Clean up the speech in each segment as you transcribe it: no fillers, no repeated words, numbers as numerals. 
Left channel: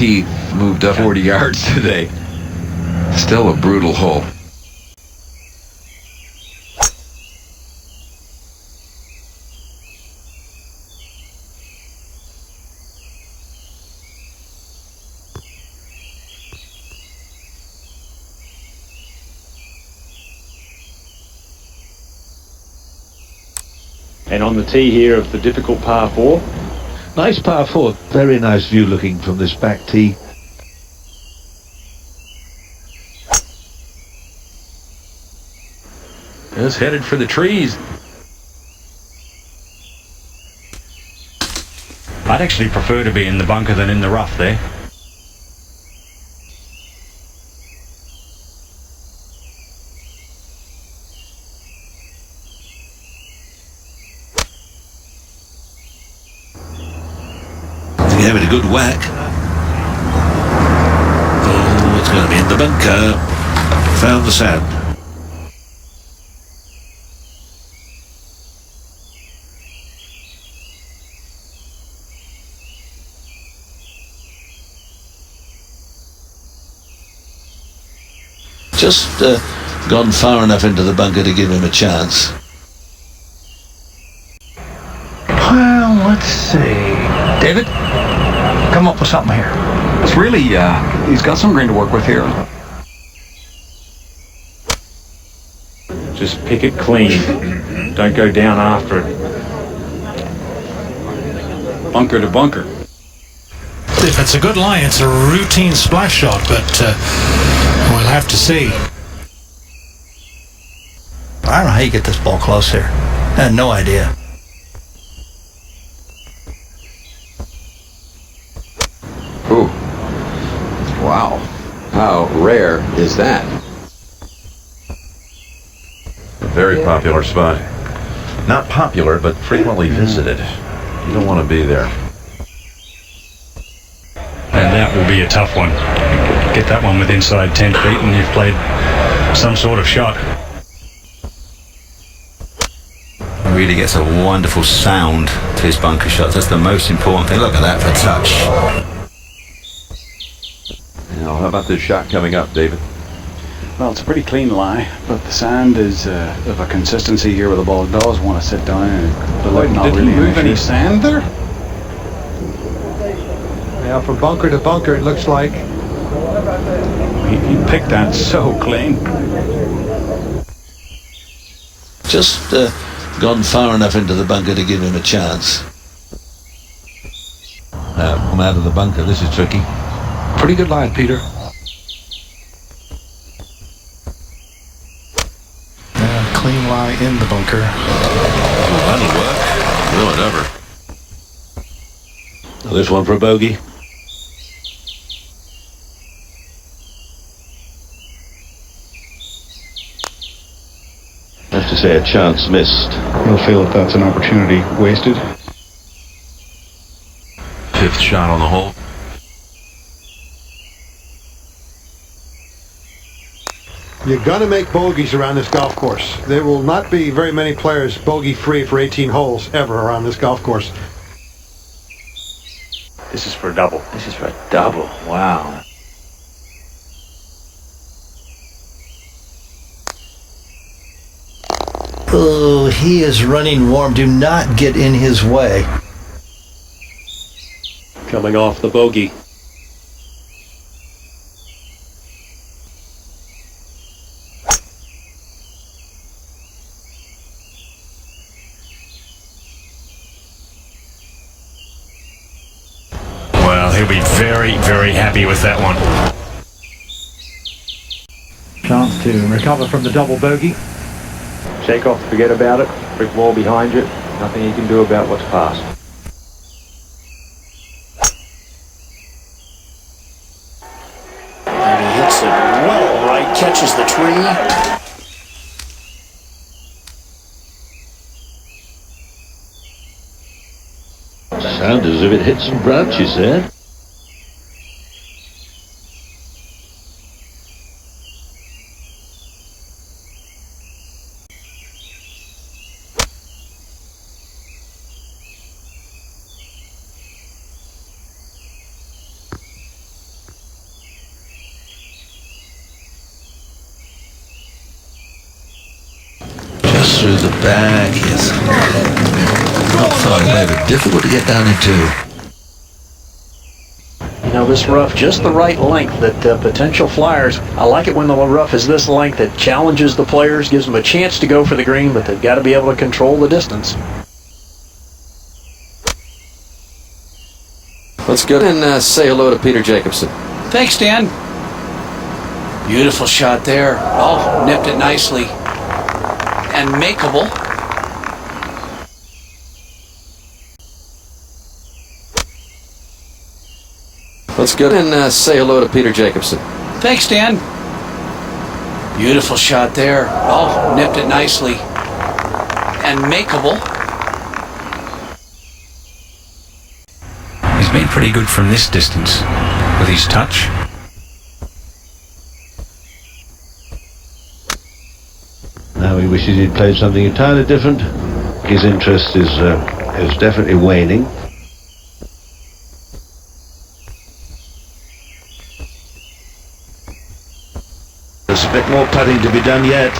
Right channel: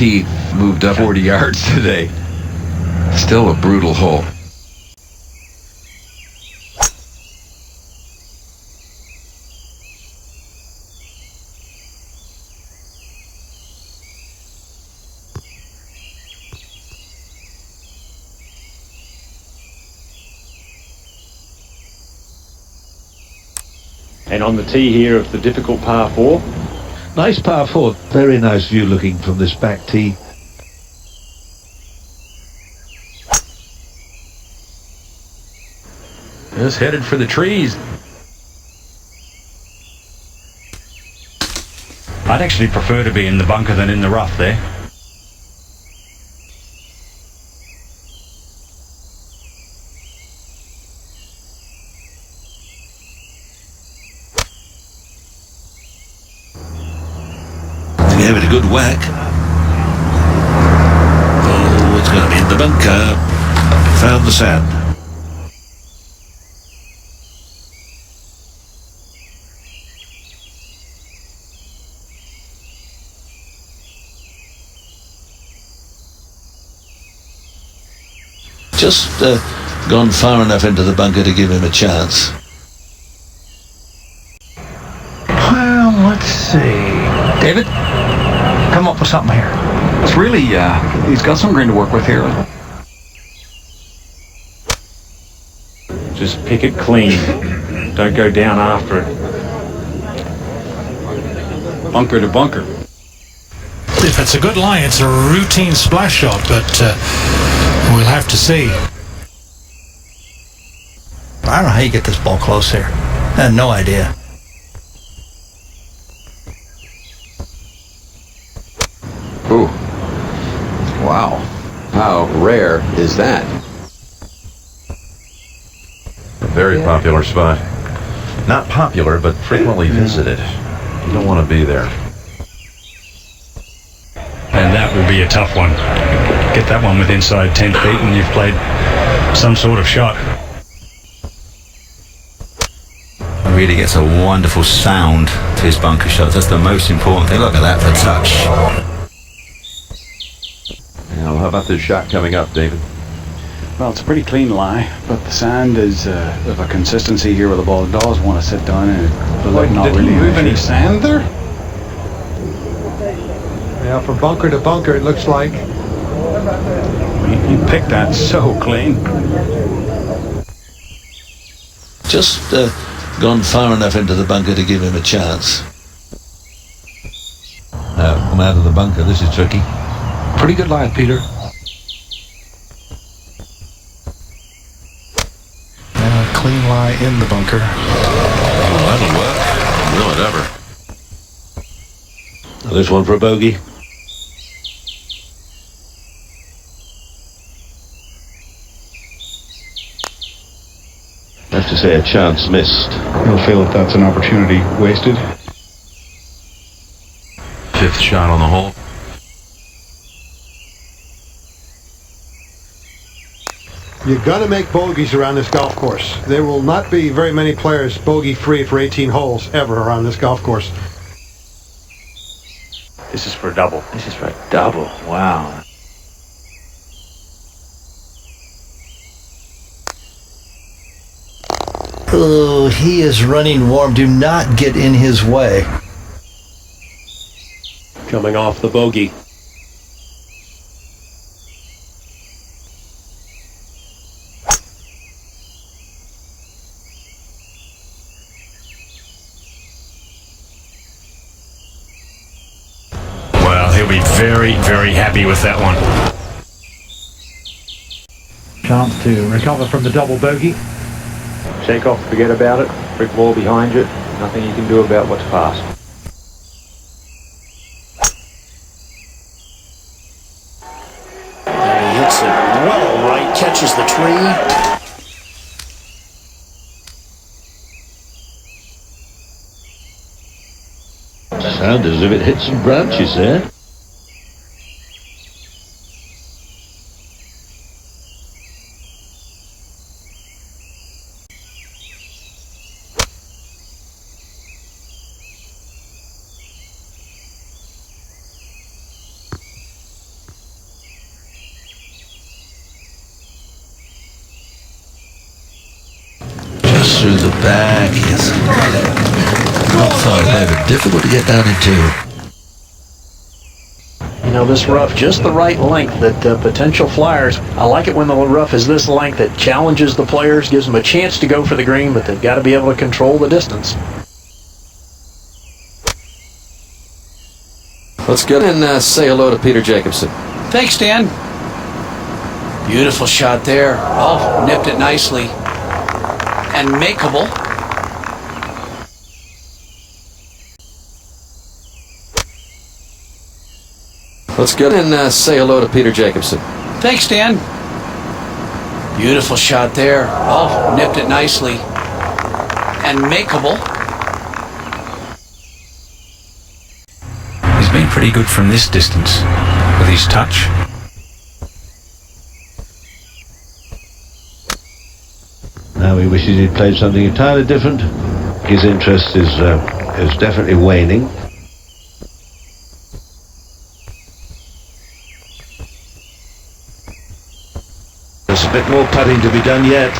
tee moved up 40 yards today. Still a brutal hole. And on the tee here of the difficult par 4. Nice par 4. Very nice view looking from this back tee. Just headed for the trees. I'd actually prefer to be in the bunker than in the rough there. Gave it a good whack. Oh, it's going to be in the bunker. Found the sand. Just gone far enough into the bunker to give him a chance. Well, let's see. David, come up with something here. It's really, he's got some green to work with here. Just pick it clean. Don't go down after it. Bunker to bunker. If it's a good line, it's a routine splash shot, but we'll have to see. I don't know how you get this ball close here. I had no idea. Ooh. Wow. How rare is that? A very popular spot. Not popular, but frequently visited. You don't want to be there. And that will be a tough one. Get that one with inside 10 feet and you've played some sort of shot. He really gets a wonderful sound to his bunker shots. That's the most important thing. Look at that for touch. Now, how about this shot coming up, David? Well, it's a pretty clean lie, but the sand is of a consistency here where the ball does want to sit down and Did he move any sand there? Yeah, from bunker to bunker, it looks like. He picked that so clean. Just gone far enough into the bunker to give him a chance. Come out of the bunker. This is tricky. Pretty good line, Peter. Clean lie in the bunker. Well, that'll work. Will it ever? This one for a bogey. I have to say a chance missed. You'll feel that that's an opportunity wasted. Fifth shot on the hole. You're going to make bogeys around this golf course. There will not be very many players bogey-free for 18 holes ever around this golf course. This is for a double. This is for a double. Wow. Oh, he is running warm. Do not get in his way. Coming off the bogey. Well, he'll be very, very happy with that one. Chance to recover from the double bogey. Shake off, forget about it. Brick wall behind you. Nothing you can do about what's past. And he hits it well right, catches the tree. Sounded as if it hit some branches there. through the back. Yes. Not far away, but difficult to get down into. You know, this rough, just the right length that potential flyers, I like it when the rough is this length. It challenges the players, gives them a chance to go for the green, but they've got to be able to control the distance. Let's go and say hello to Peter Jacobson. Thanks, Dan. Beautiful shot there. Oh, nipped it nicely. And makeable. Let's go and say hello to Peter Jacobson. Thanks, Dan. Beautiful shot there. Oh, nipped it nicely. And makeable. He's been pretty good from this distance with his touch. Now he wishes he'd played something entirely different. His interest is definitely waning. There's a bit more putting to be done yet.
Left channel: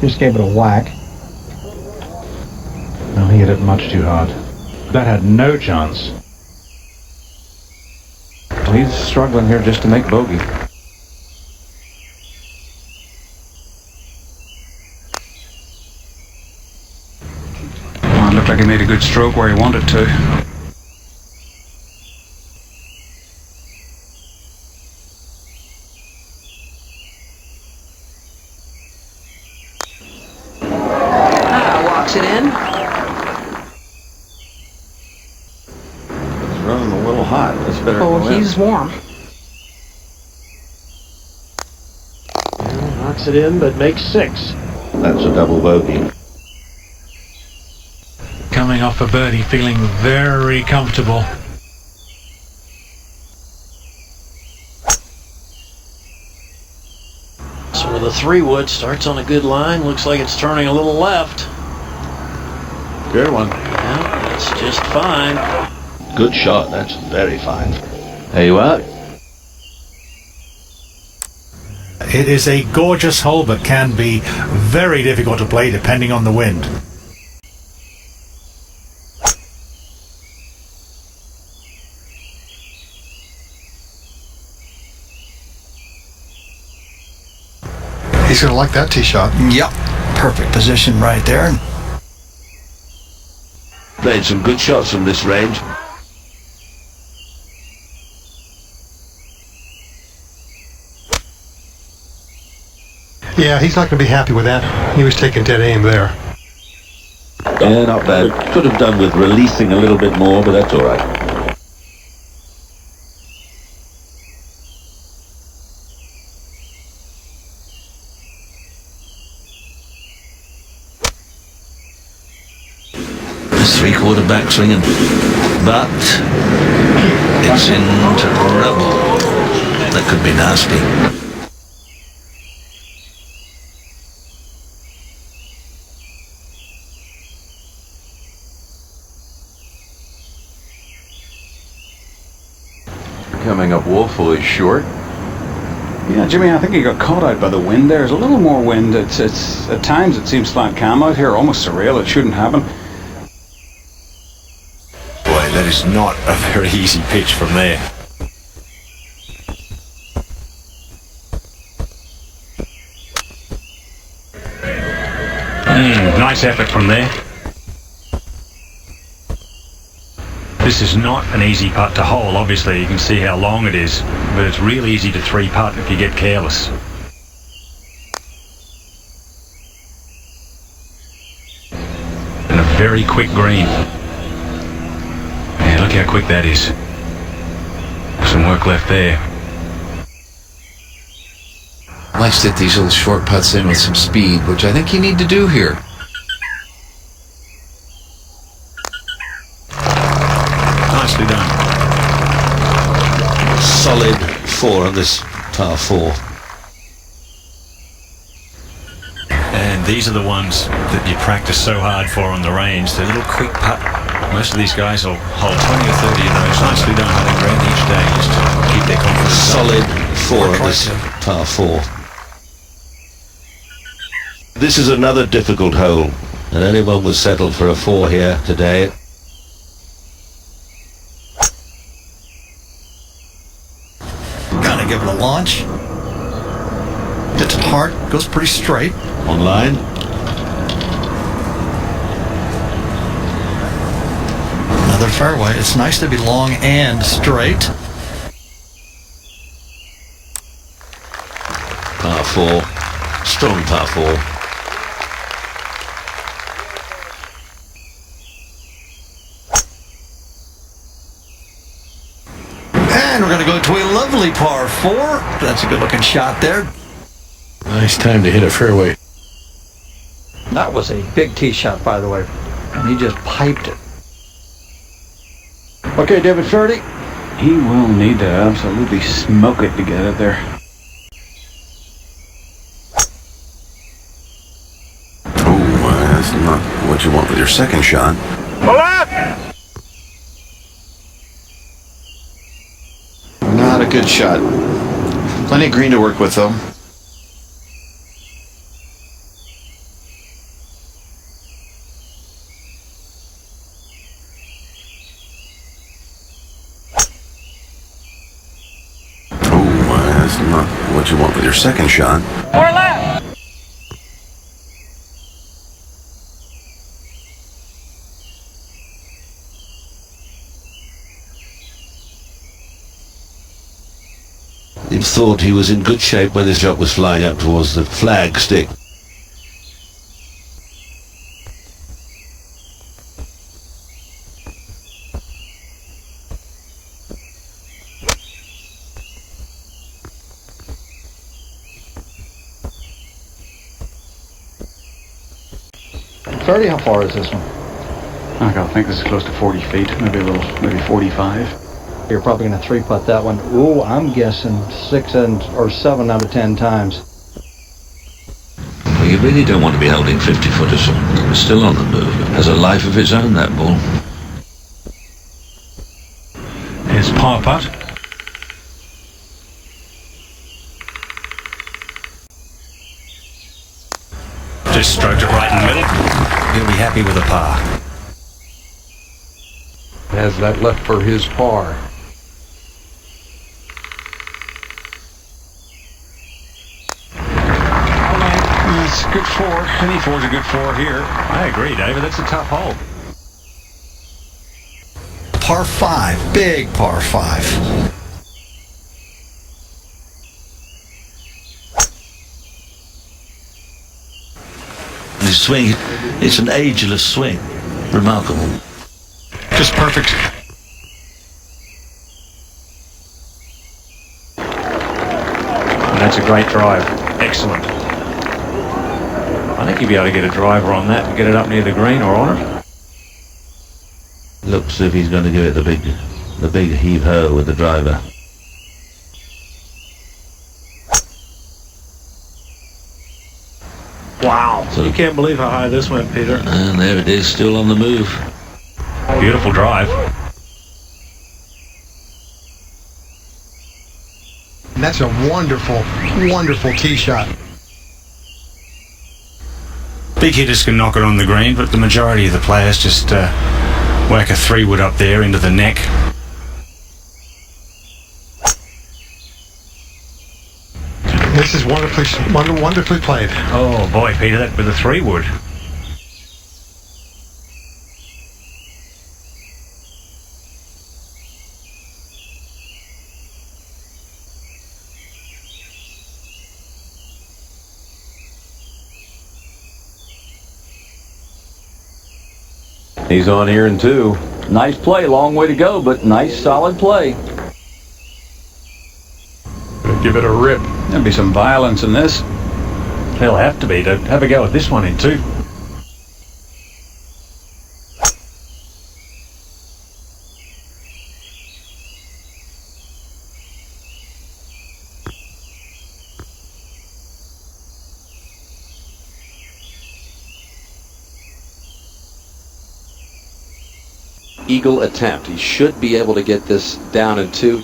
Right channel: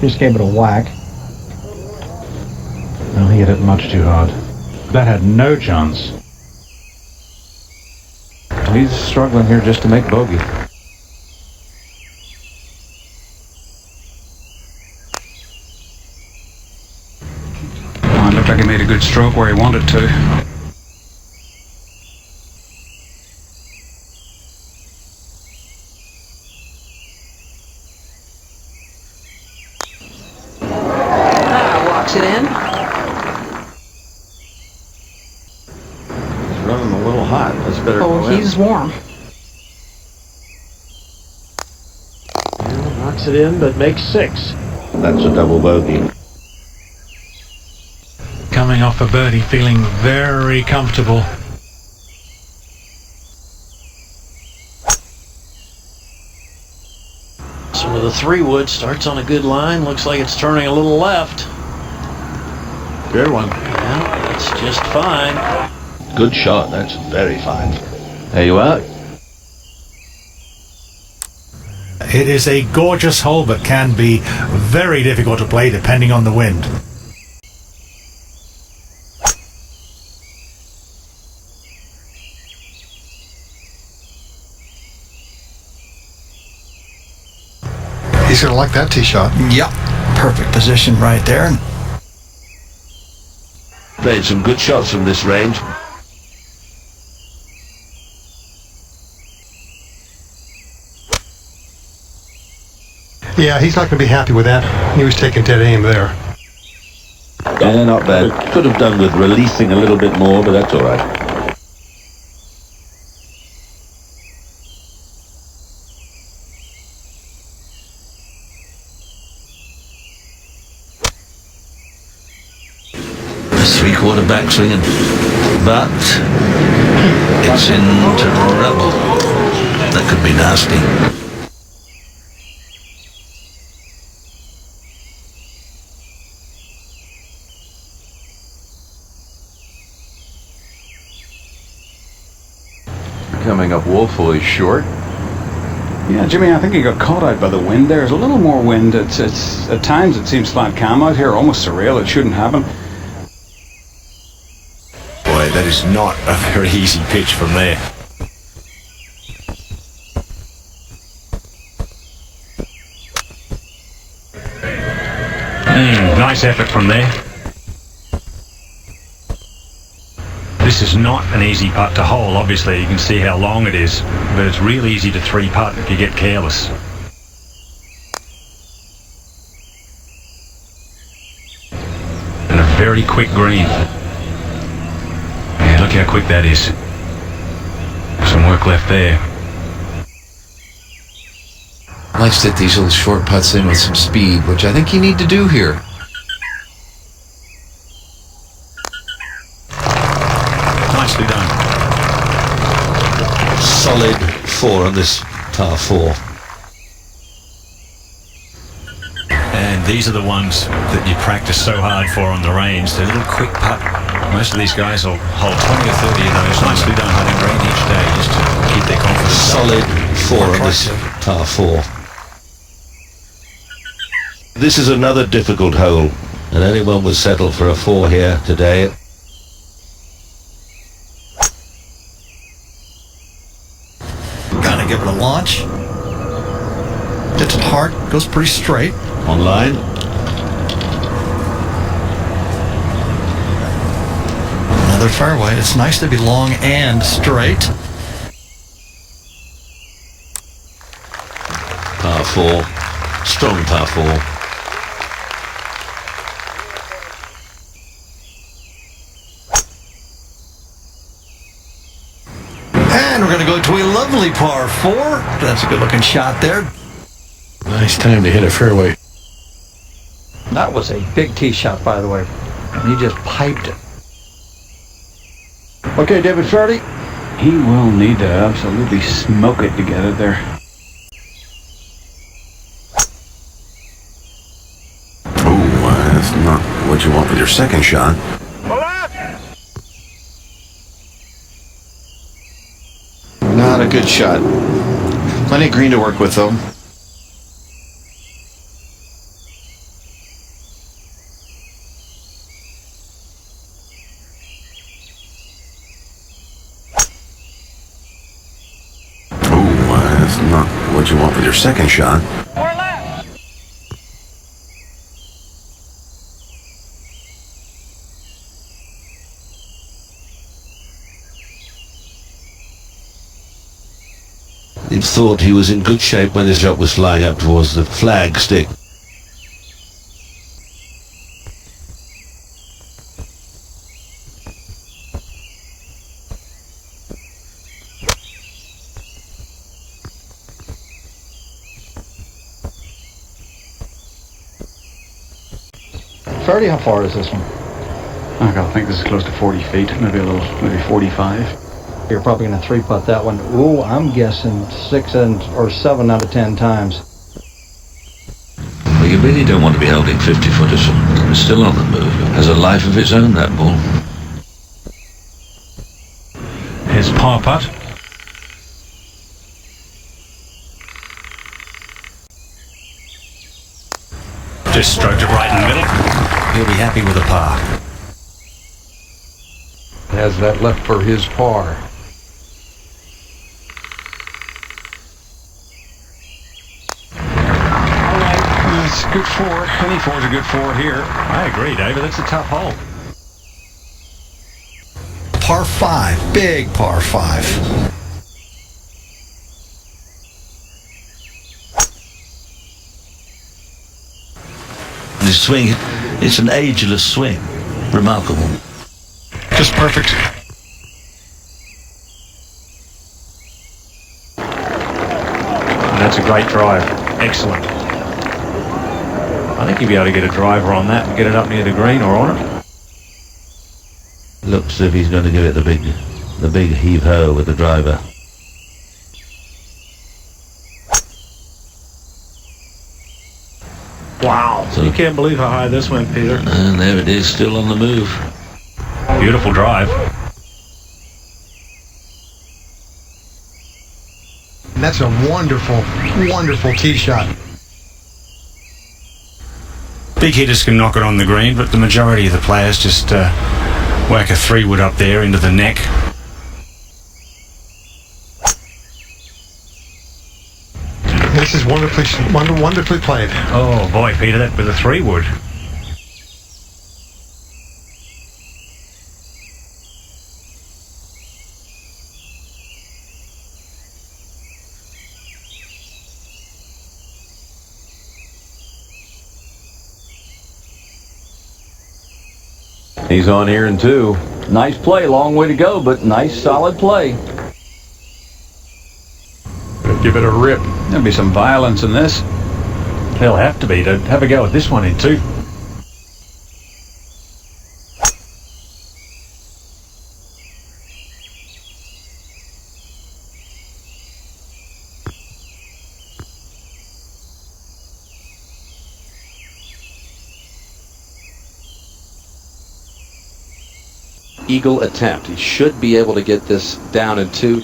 Just gave it a whack. No, he hit it much too hard. That had no chance. He's struggling here just to make bogey. Oh, it looked like he made a good stroke where he wanted to. Walks it in. He's running a little hot. That's better. Oh, he's warm. Knocks it in, but makes 6. That's a double bogey. Coming off a birdie, feeling very comfortable. So with a 3-wood, starts on a good line. Looks like it's turning a little left. Good one. Yeah, that's just fine. Good shot. That's very fine. There you are. It is a gorgeous hole, but can be very difficult to play depending on the wind. He's going to like that tee shot. Yep. Perfect position right there. Made some good shots from this range. Yeah, he's not going to be happy with that. He was taking dead aim there. Yeah, not bad. Could have done with releasing a little bit more, but that's all right. Three-quarter backswing, but it's in trouble. That could be nasty. Coming up woefully short. Yeah, Jimmy, I think he got caught out by the wind there. There's a little more wind. It's at times it seems flat calm out here, almost surreal. It shouldn't happen. Boy, that is not a very easy pitch from there. Nice effort from there. This is not an easy putt to hole. Obviously, you can see how long it is, but it's real easy to 3-putt if you get careless. And a very quick green. Yeah, look how quick that is. Some work left there. Likes to hit these little short putts in with some speed, which I think you need to do here. Nicely done. Solid 4 on this par 4. And And these are the ones that you practice so hard for on the range. The little quick putt. Most of these guys will hold 20 or 30 of those nice who don't hunt in green each day just to keep their confidence Solid up. 4 on this par 4. This is another difficult hole, And anyone would settle for a 4 here today. Gotta give it a launch. Hits it hard, goes pretty straight. Online. Another fairway. It's nice to be long and straight. Par 4. Strong par 4. And we're going to go to a lovely par 4. That's a good looking shot there. Nice time to hit a fairway. That was a big tee shot, by the way. He just piped it. Okay, David Faraday. He will need to absolutely smoke it to get it there. That's not what you want with your second shot. Not a good shot. Plenty of green to work with, though. That's not what you want with your second shot. He thought he was in good shape when his shot was flying up towards the flag stick. Faraday, how far is this one? I think this is close to 40 feet, maybe 45. You're probably going to 3-putt that one. Ooh, I'm guessing 6 or 7 out of 10 times. Well, you really don't want to be holding 50-footers. It's still on the move. It has a life of its own, that ball. Here's par putt. Just stroked it right in the middle. He'll be happy with a par. Has that left for his par. It's a good 4. Any 4 is a good 4 here. I agree, David. That's a tough hole. Par 5. Big par 5. His swing, it's an ageless swing. Remarkable. Just perfect. And that's a great drive. Excellent. I think you'll be able to get a driver on that and get it up near the green or on it. Looks as if he's going to give it the big heave-ho with the driver. Wow. So, you can't believe how high this went, Peter. And there it is, still on the move. Beautiful drive. And that's a wonderful, wonderful tee shot. Big hitters can knock it on the green, but the majority of the players just whack a 3-wood up there into the neck. This is wonderfully played. Oh boy, Peter, that with a 3-wood. He's on here in 2. Nice play, long way to go, but nice solid play. Give it a rip. There'll be some violence in this. There'll have to be to have a go at this one in 2. eagle attempt. He should be able to get this down in 2.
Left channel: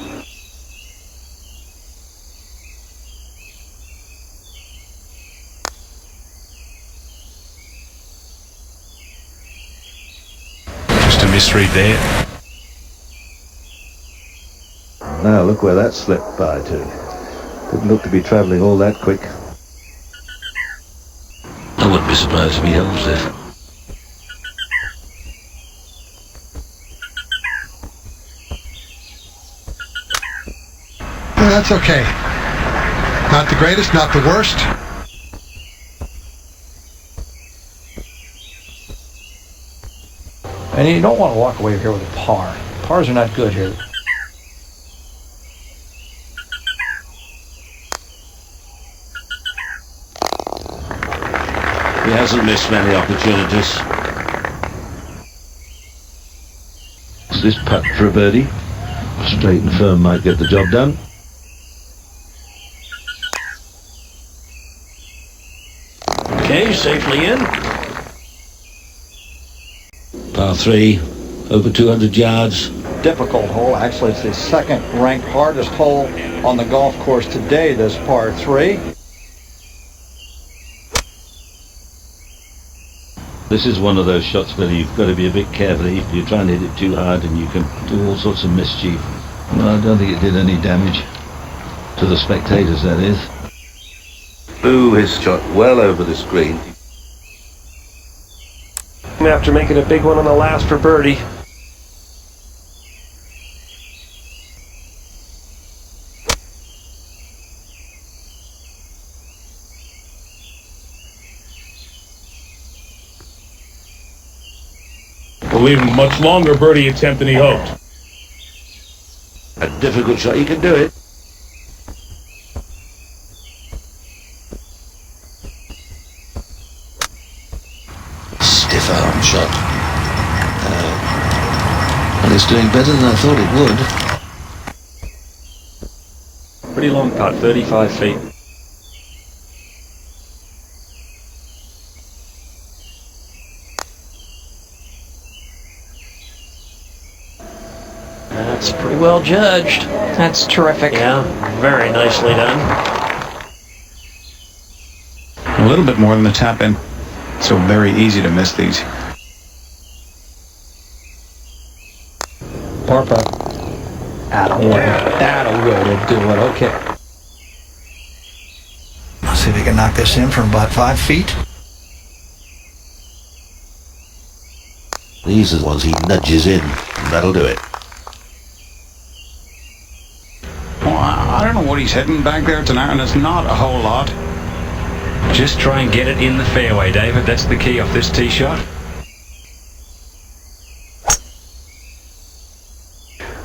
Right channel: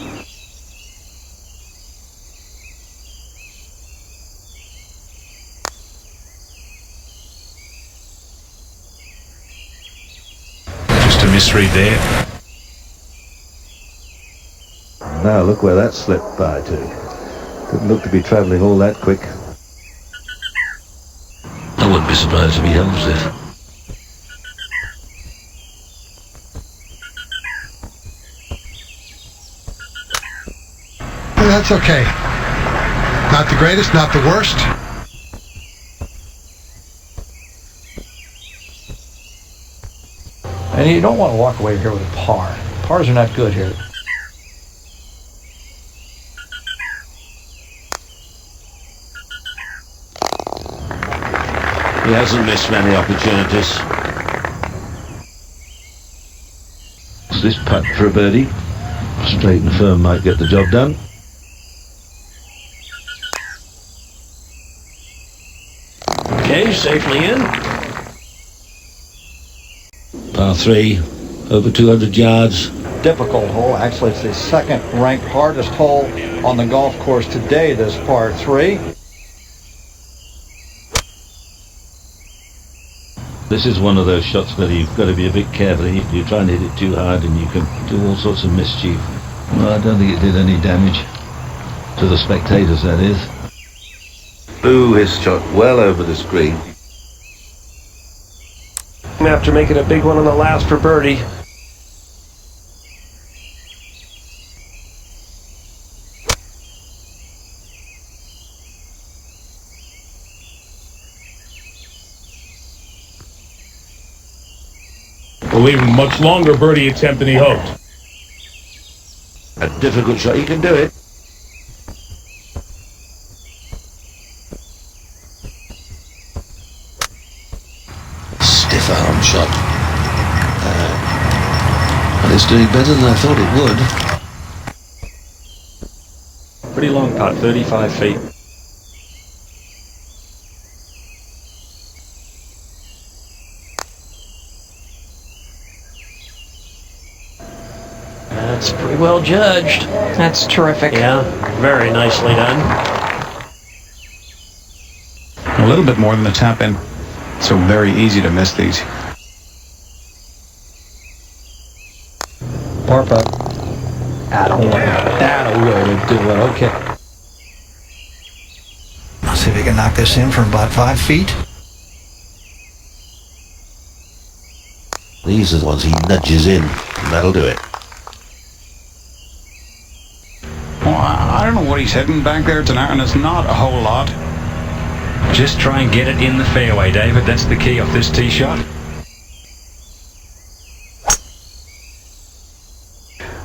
Just a misread there. Now look where that slipped by to. Didn't look to be travelling all that quick. I wouldn't be surprised if he holds it. That's okay. Not the greatest, not the worst. And you don't want to walk away here with a par. Pars are not good here. He hasn't missed many opportunities. This putt for a birdie. Straight and firm might get the job done. Okay, safely in. Par 3, over 200 yards. Difficult hole. Actually, it's the second ranked hardest hole on the golf course today, this par 3. This is one of those shots where you've got to be a bit careful. You try and hit it too hard and you can do all sorts of mischief. Well, I don't think it did any damage to the spectators, that is. Boo his shot well over the screen. After making a big one on the last for birdie. Will leave him a much longer birdie attempt than he hoped. A difficult shot. He can do it. Stiff arm shot. Well, it's doing better than I thought it would. Pretty long putt, 35 feet. That's pretty well judged. That's terrific. Yeah, very nicely done. A little bit more than the tap in. So very easy to miss these. Par putt. That'll really do it. Okay. I'll see if he can knock this in from about 5 feet. These are the ones he nudges in, and that'll do it. Well, I don't know what he's hitting back there tonight, and it's not a whole lot. Just try and get it in the fairway, David. That's the key off this tee shot.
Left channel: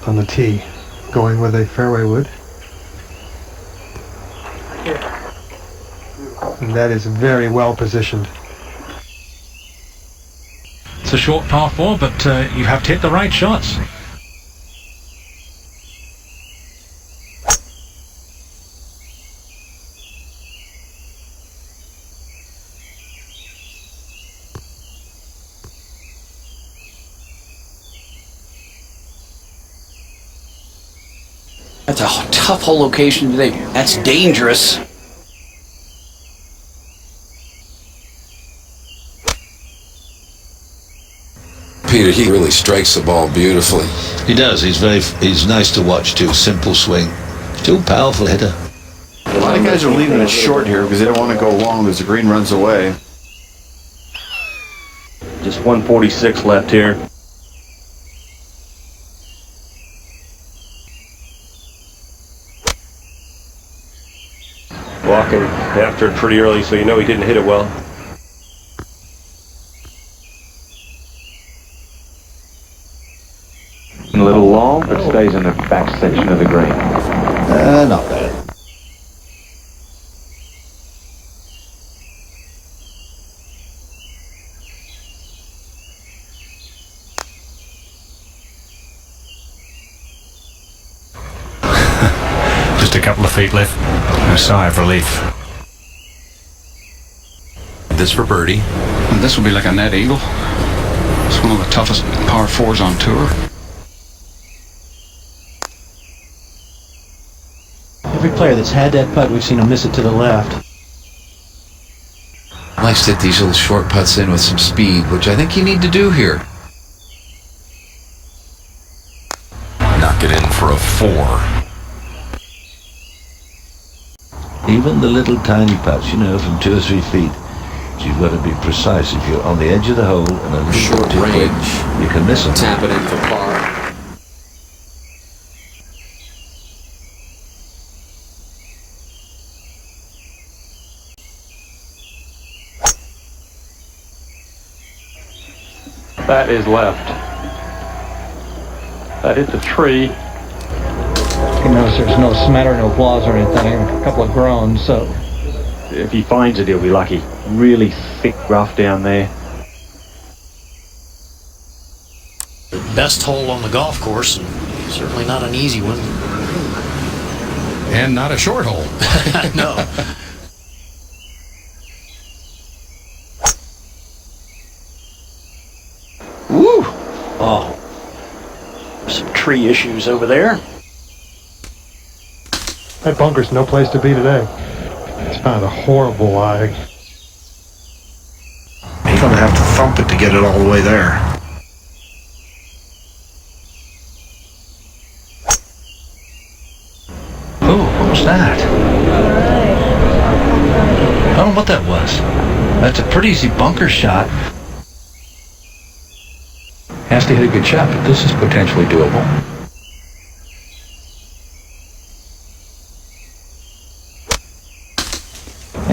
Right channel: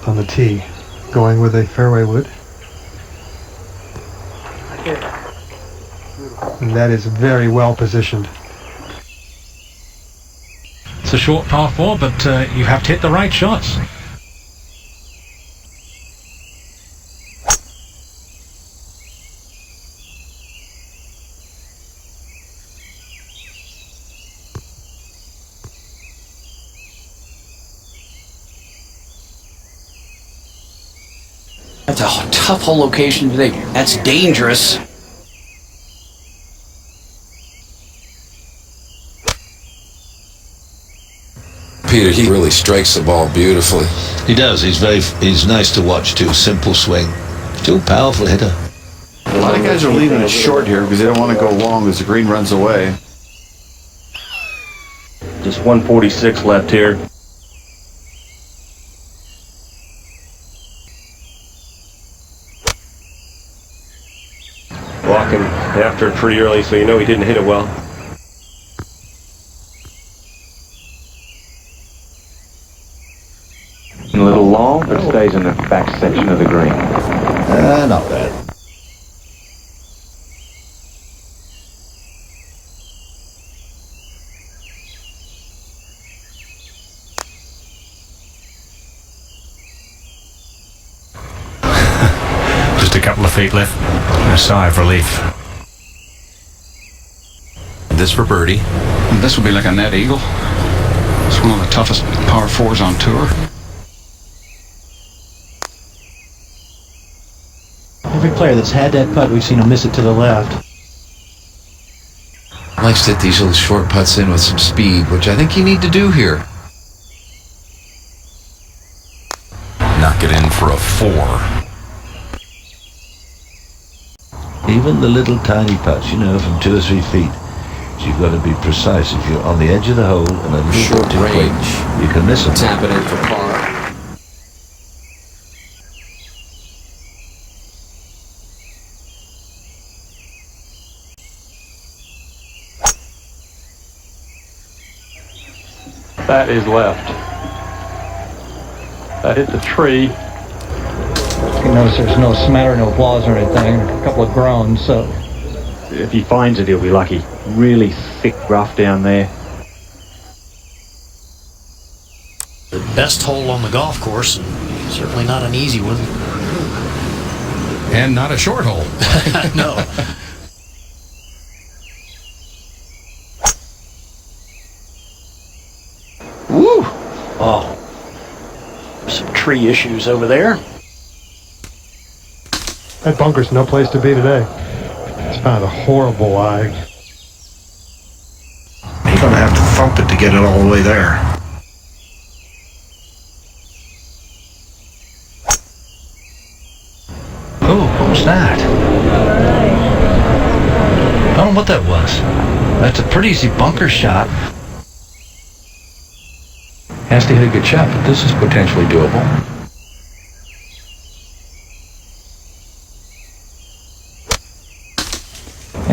On the tee, going with a fairway wood. And that is very well positioned. It's a short par 4, but you have to hit the right shots. That's a tough hole location today. That's dangerous. Peter, he really strikes the ball beautifully. He does. He's nice to watch too. Simple swing. Still powerful hitter. A lot of guys are leaving it short here because they don't want to go long as the green runs away. Just 146 left here. Walking after it pretty early, so you know he didn't hit it well. A little long, but stays in the back section of the green. Not bad. Just a couple of feet left. A sigh of relief. This for birdie. And this will be like a net eagle. It's one of the toughest par 4s on tour. Every player that's had that putt, we've seen him miss it to the left. Likes to hit these little short putts in with some speed, which I think you need to do here. Knock it in for a 4. Even the little tiny putts, you know, from 2 or 3 feet. You've got to be precise. If you're on the edge of the hole and a little Short bit too quick, range. you can miss them. Tap it in for par. That is left. That hit the tree. You notice there's no smattering of applause or anything, a couple of groans, so If he finds it, he'll be lucky. Really thick rough down there. The best hole on the golf course, and certainly not an easy one. And not a short hole. No. Woo! Oh. Some tree issues over there. That bunker's no place to be today. It's found a horrible lie. You're going to have to thump it to get it all the way there. Oh, what was that? I don't know what that was. That's a pretty easy bunker shot. Has to hit a good shot, but this is potentially doable.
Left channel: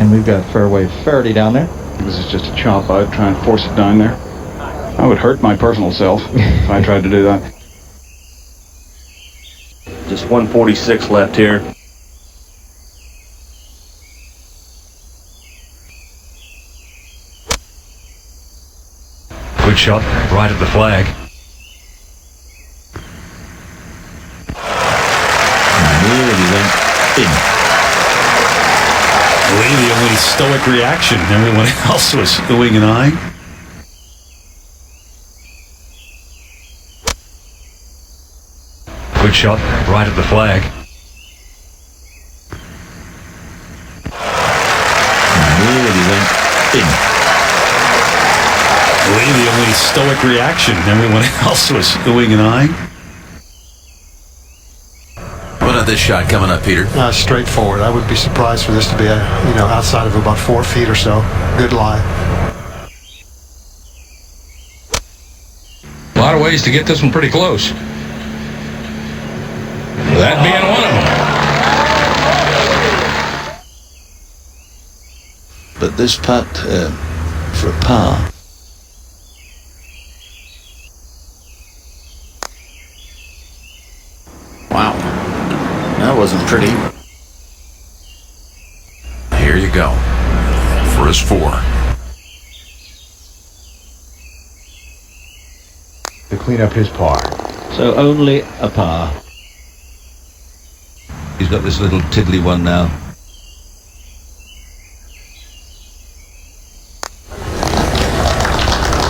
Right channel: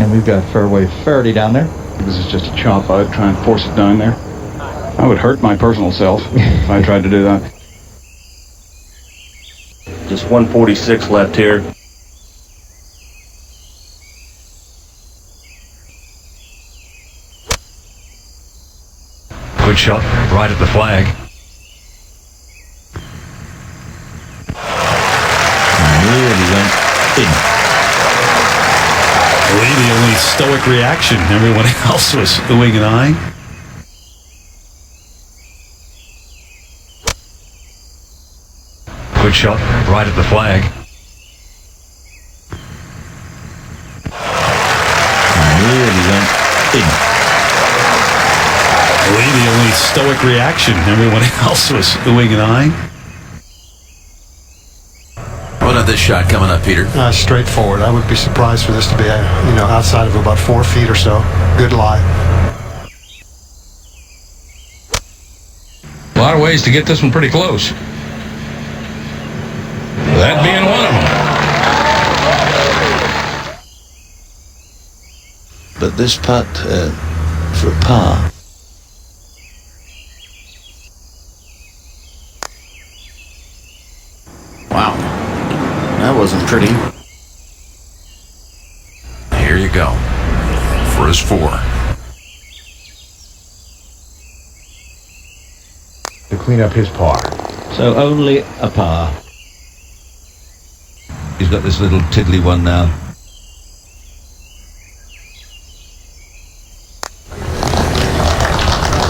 and we've got fairway 30 down there. This is just a chop out, try and force it down there. I would hurt my personal self if I tried to do that. Just 146 left here. Good shot, right at the flag. Really went in. Lee, the only stoic reaction. Everyone else was oohing and eyeing. Good shot, right at the flag. Really went in. Lee, the only stoic reaction. Everyone else was oohing and eyeing. What about this shot coming up, Peter? Straightforward. I would be surprised for this to be, outside of about 4 feet or so. Good lie. A lot of ways to get this one pretty close. That being one of them. But this putt for a par. Wow. That wasn't pretty. Here you go. For his 4. To clean up his par. So only a par. He's got this little tiddly one now.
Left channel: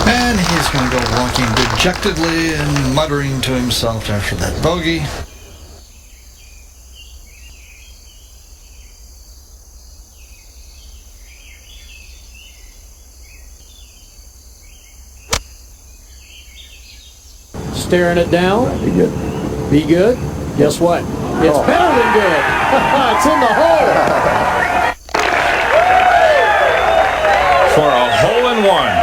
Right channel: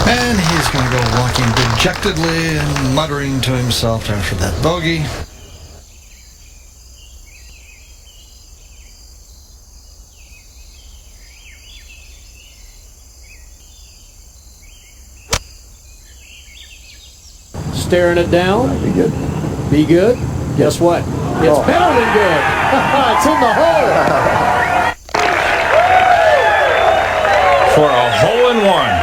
And he's going to go walking dejectedly and muttering to himself after that bogey. Staring it down. Be good. Be good. Guess what? It's better than good. It's in the hole. For a hole-in-one.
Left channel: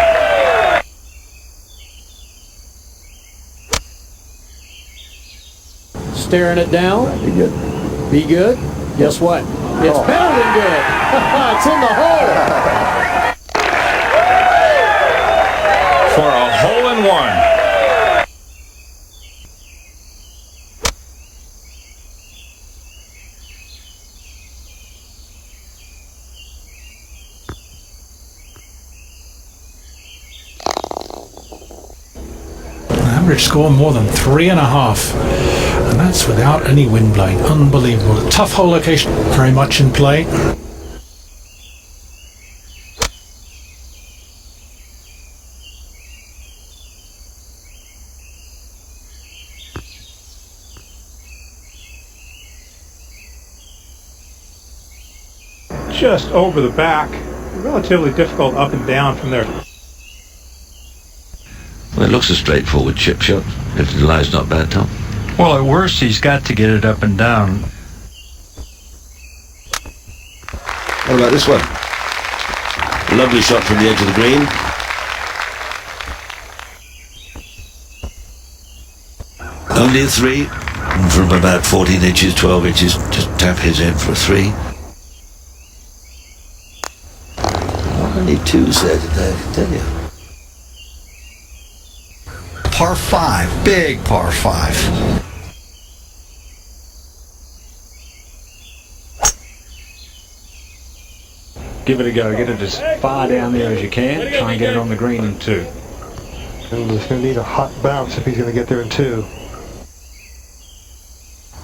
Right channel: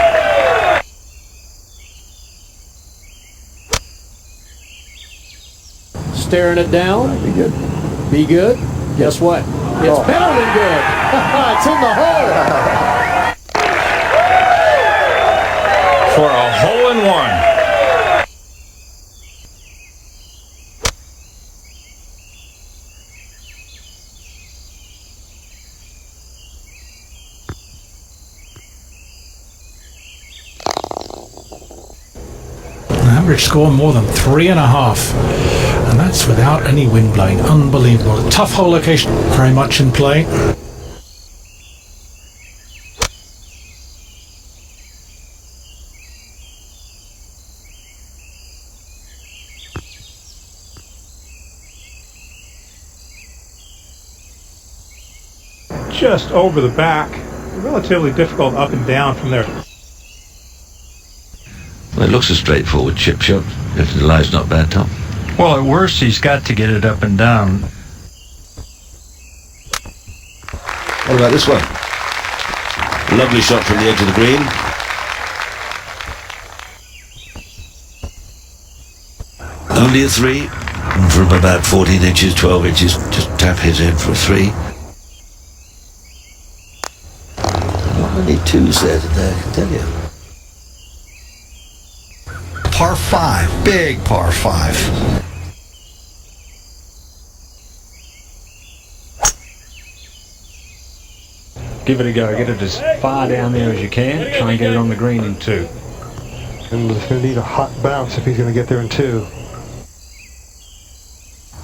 Staring it down. Be good. Be good. Guess what? It's better than good. It's in the hole. For a hole-in-one. Average score more than 3.5, and that's without any wind blowing. Unbelievable. Tough hole location, very much in play. just over the back. Relatively difficult up and down from there. Well, it looks a straightforward chip shot. If the lie's not bad, Tom. Well, at worst, he's got to get it up and down. What about this one? Lovely shot from the edge of the green. Only a 3. And from about 14 inches, 12 inches, just tap his in for a 3. Only 2s there today, I can tell you. Par 5, big par 5. Give it a go. Get it as far down there as you can. Try and get it on the green in 2. And he's going to need a hot bounce if he's going to get there in 2.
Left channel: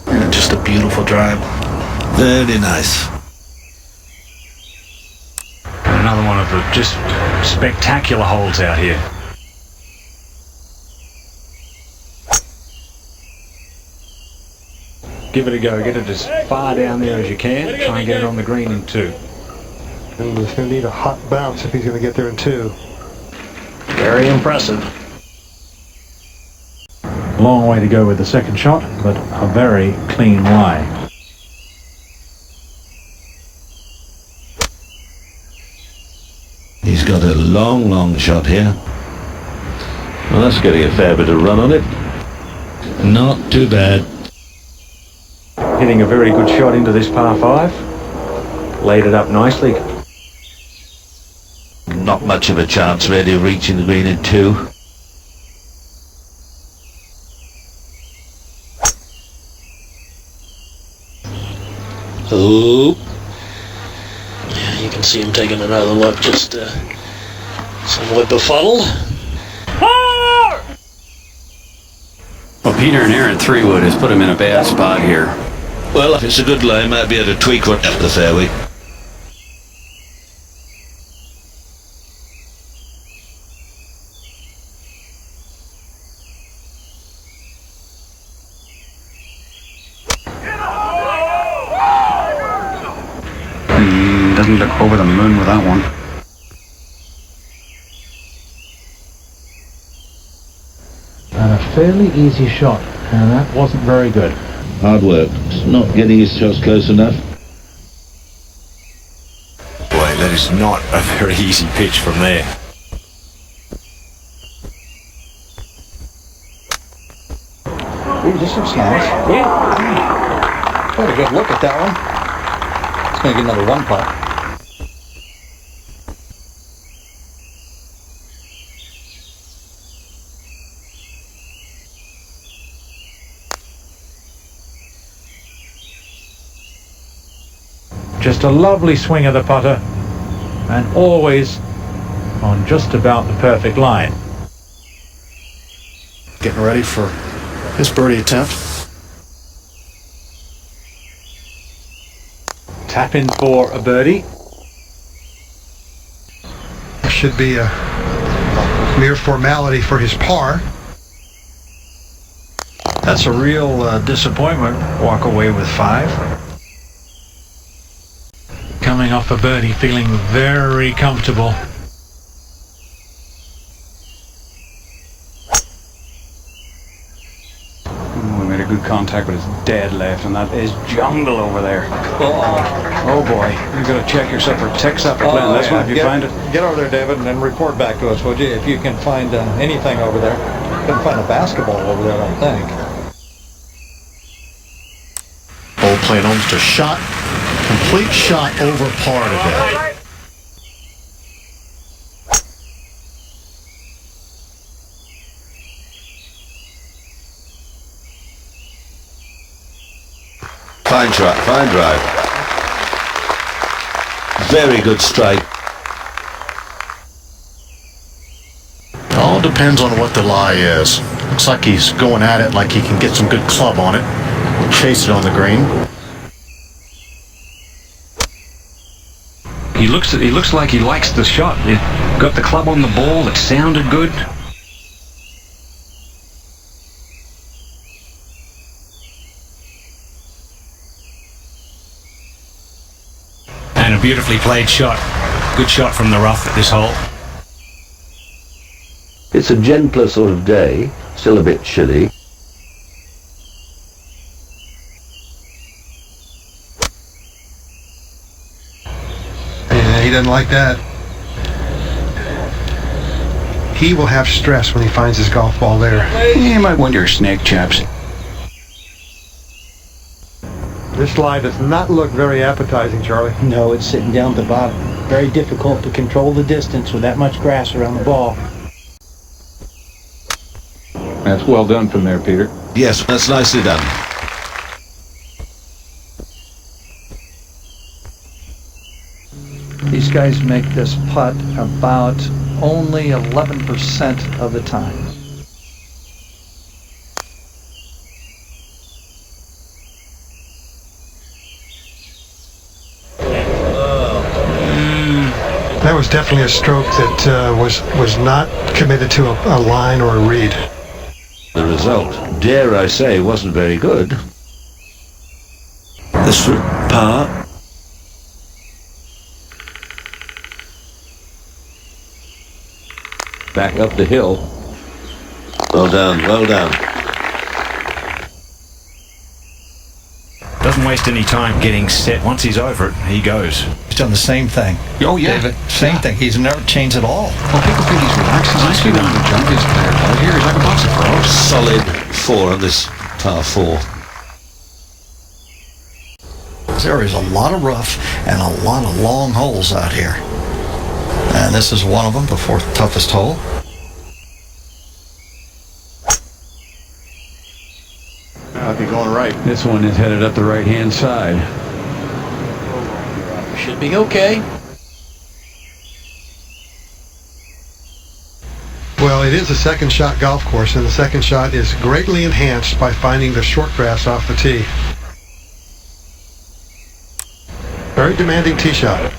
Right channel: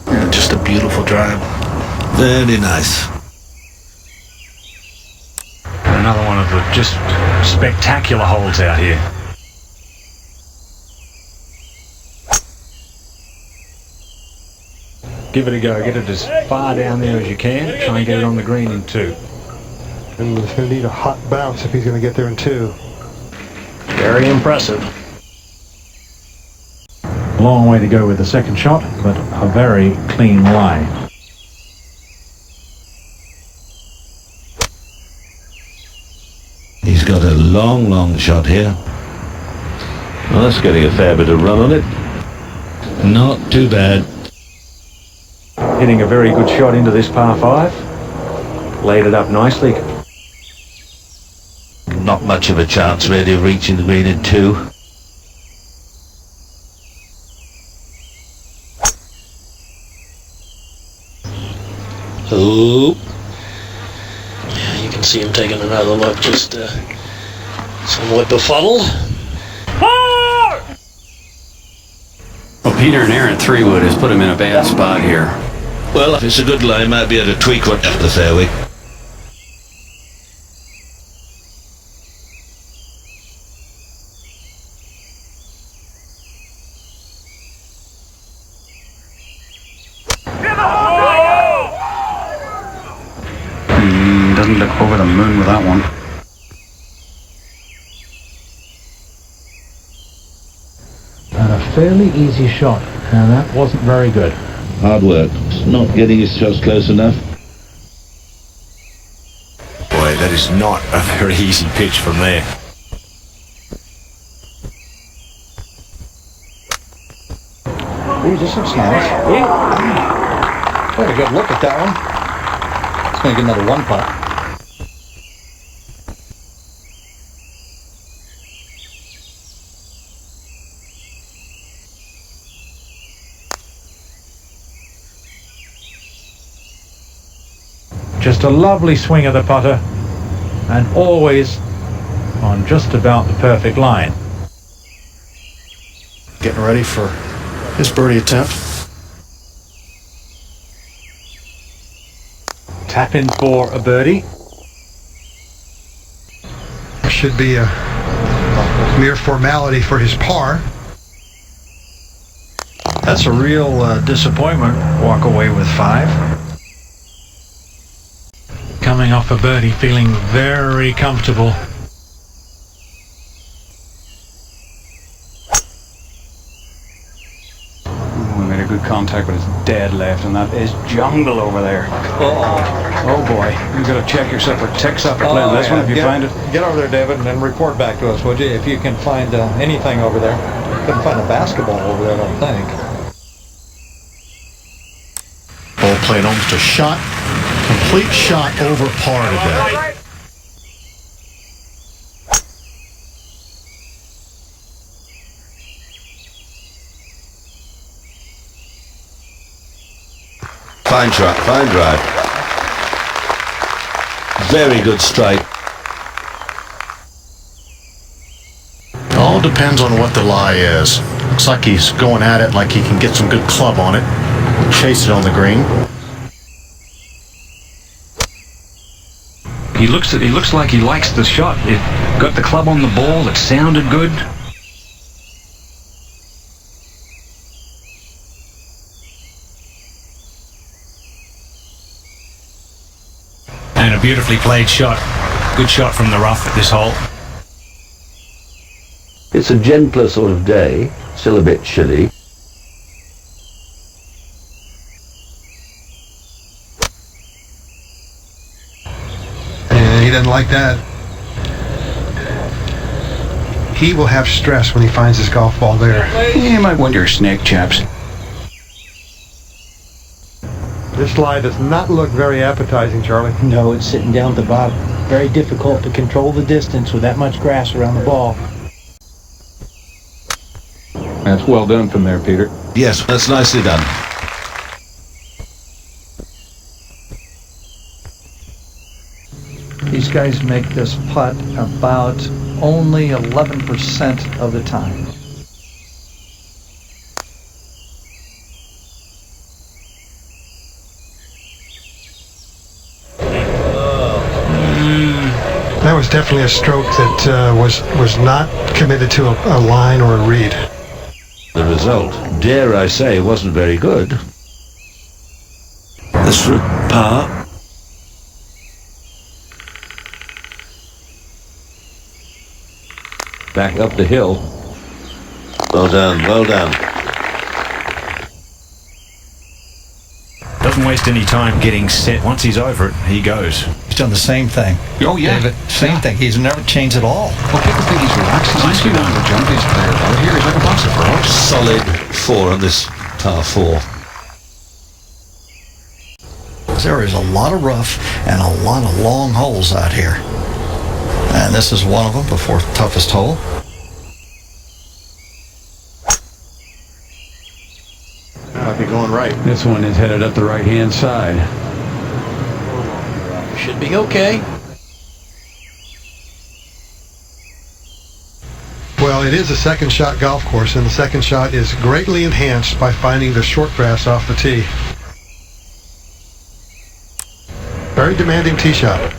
And just a beautiful drive. Very nice. Another one of the just spectacular holes out here. Give it a go. Get it as far down there as you can. Try and get it on the green in 2. And he's going to need a hot bounce if he's going to get there in 2. Very impressive. Long way to go with the second shot, but a very clean lie. He's got a long shot here. Well, that's getting a fair bit of run on it. Not too bad. Hitting a very good shot into this par 5. Laid it up nicely. Not much of a chance really of reaching the green in 2. Ooh. Yeah, you can see him taking another look, just somewhat befuddled. Well, Peter and Aaron 3-wood has put him in a bad spot here. Well, if it's a good lie, might be able to tweak one up the fairway. Doesn't look over the moon with that one. And a fairly easy shot, and that wasn't very good. Hard work. Not getting his shots close enough. Boy, that is not a very easy pitch from there. Ooh, this looks nice. Yeah. Quite a good look at that one. It's going to get another 1 putt. Just a lovely swing of the putter, and always on just about the perfect line. Getting ready for his birdie attempt. Tap in for a birdie. Should be a mere formality for his par. That's a real disappointment. Walk away with 5. Coming off a birdie, feeling very comfortable. We made a good contact, but it's dead left, and that is jungle over there. Oh boy, you got to check yourself for ticks after playing this one if you find it. Get over there, David, and then report back to us, would you? If you can find anything over there. Couldn't find a basketball over there, I don't think. Hole playing almost a shot. Complete shot over par today. Fine shot, fine drive. Very good strike. All depends on what the lie is. Looks like he's going at it like he can get some good club on it. Chase it on the green. He looks like he likes the shot. It got the club on the ball. It sounded good. And a beautifully played shot. Good shot from the rough at this hole. It's a gentler sort of day, still a bit chilly. And he doesn't like that. He will have stress when he finds his golf ball there. You might want your snake, chaps. This lie does not look very appetizing, Charlie. No, it's sitting down at the bottom. Very difficult to control the distance with that much grass around the ball. That's well done from there, Peter. Yes, that's nicely done. These guys make this putt about only 11% of the time. That was definitely a stroke that was not committed to a line or a read. The result, dare I say, wasn't very good. This for par. Back up the hill. Well done, well done. Doesn't waste any time getting set. Once he's over it, he goes. He's done the same thing. Oh, yeah. David, same thing. He's never changed at all. Well, people think he's relaxed. He's actually one of the jumpiest players out here. He's like a box of frogs. Solid 4 on this par 4. There is a lot of rough and a lot of long holes out here. And this is one of them, the fourth toughest hole. Might be going right. This one is headed up the right-hand side. Should be okay. Well, it is a second shot golf course, and the second shot is greatly enhanced by finding the short grass off the tee. Very demanding tee shot.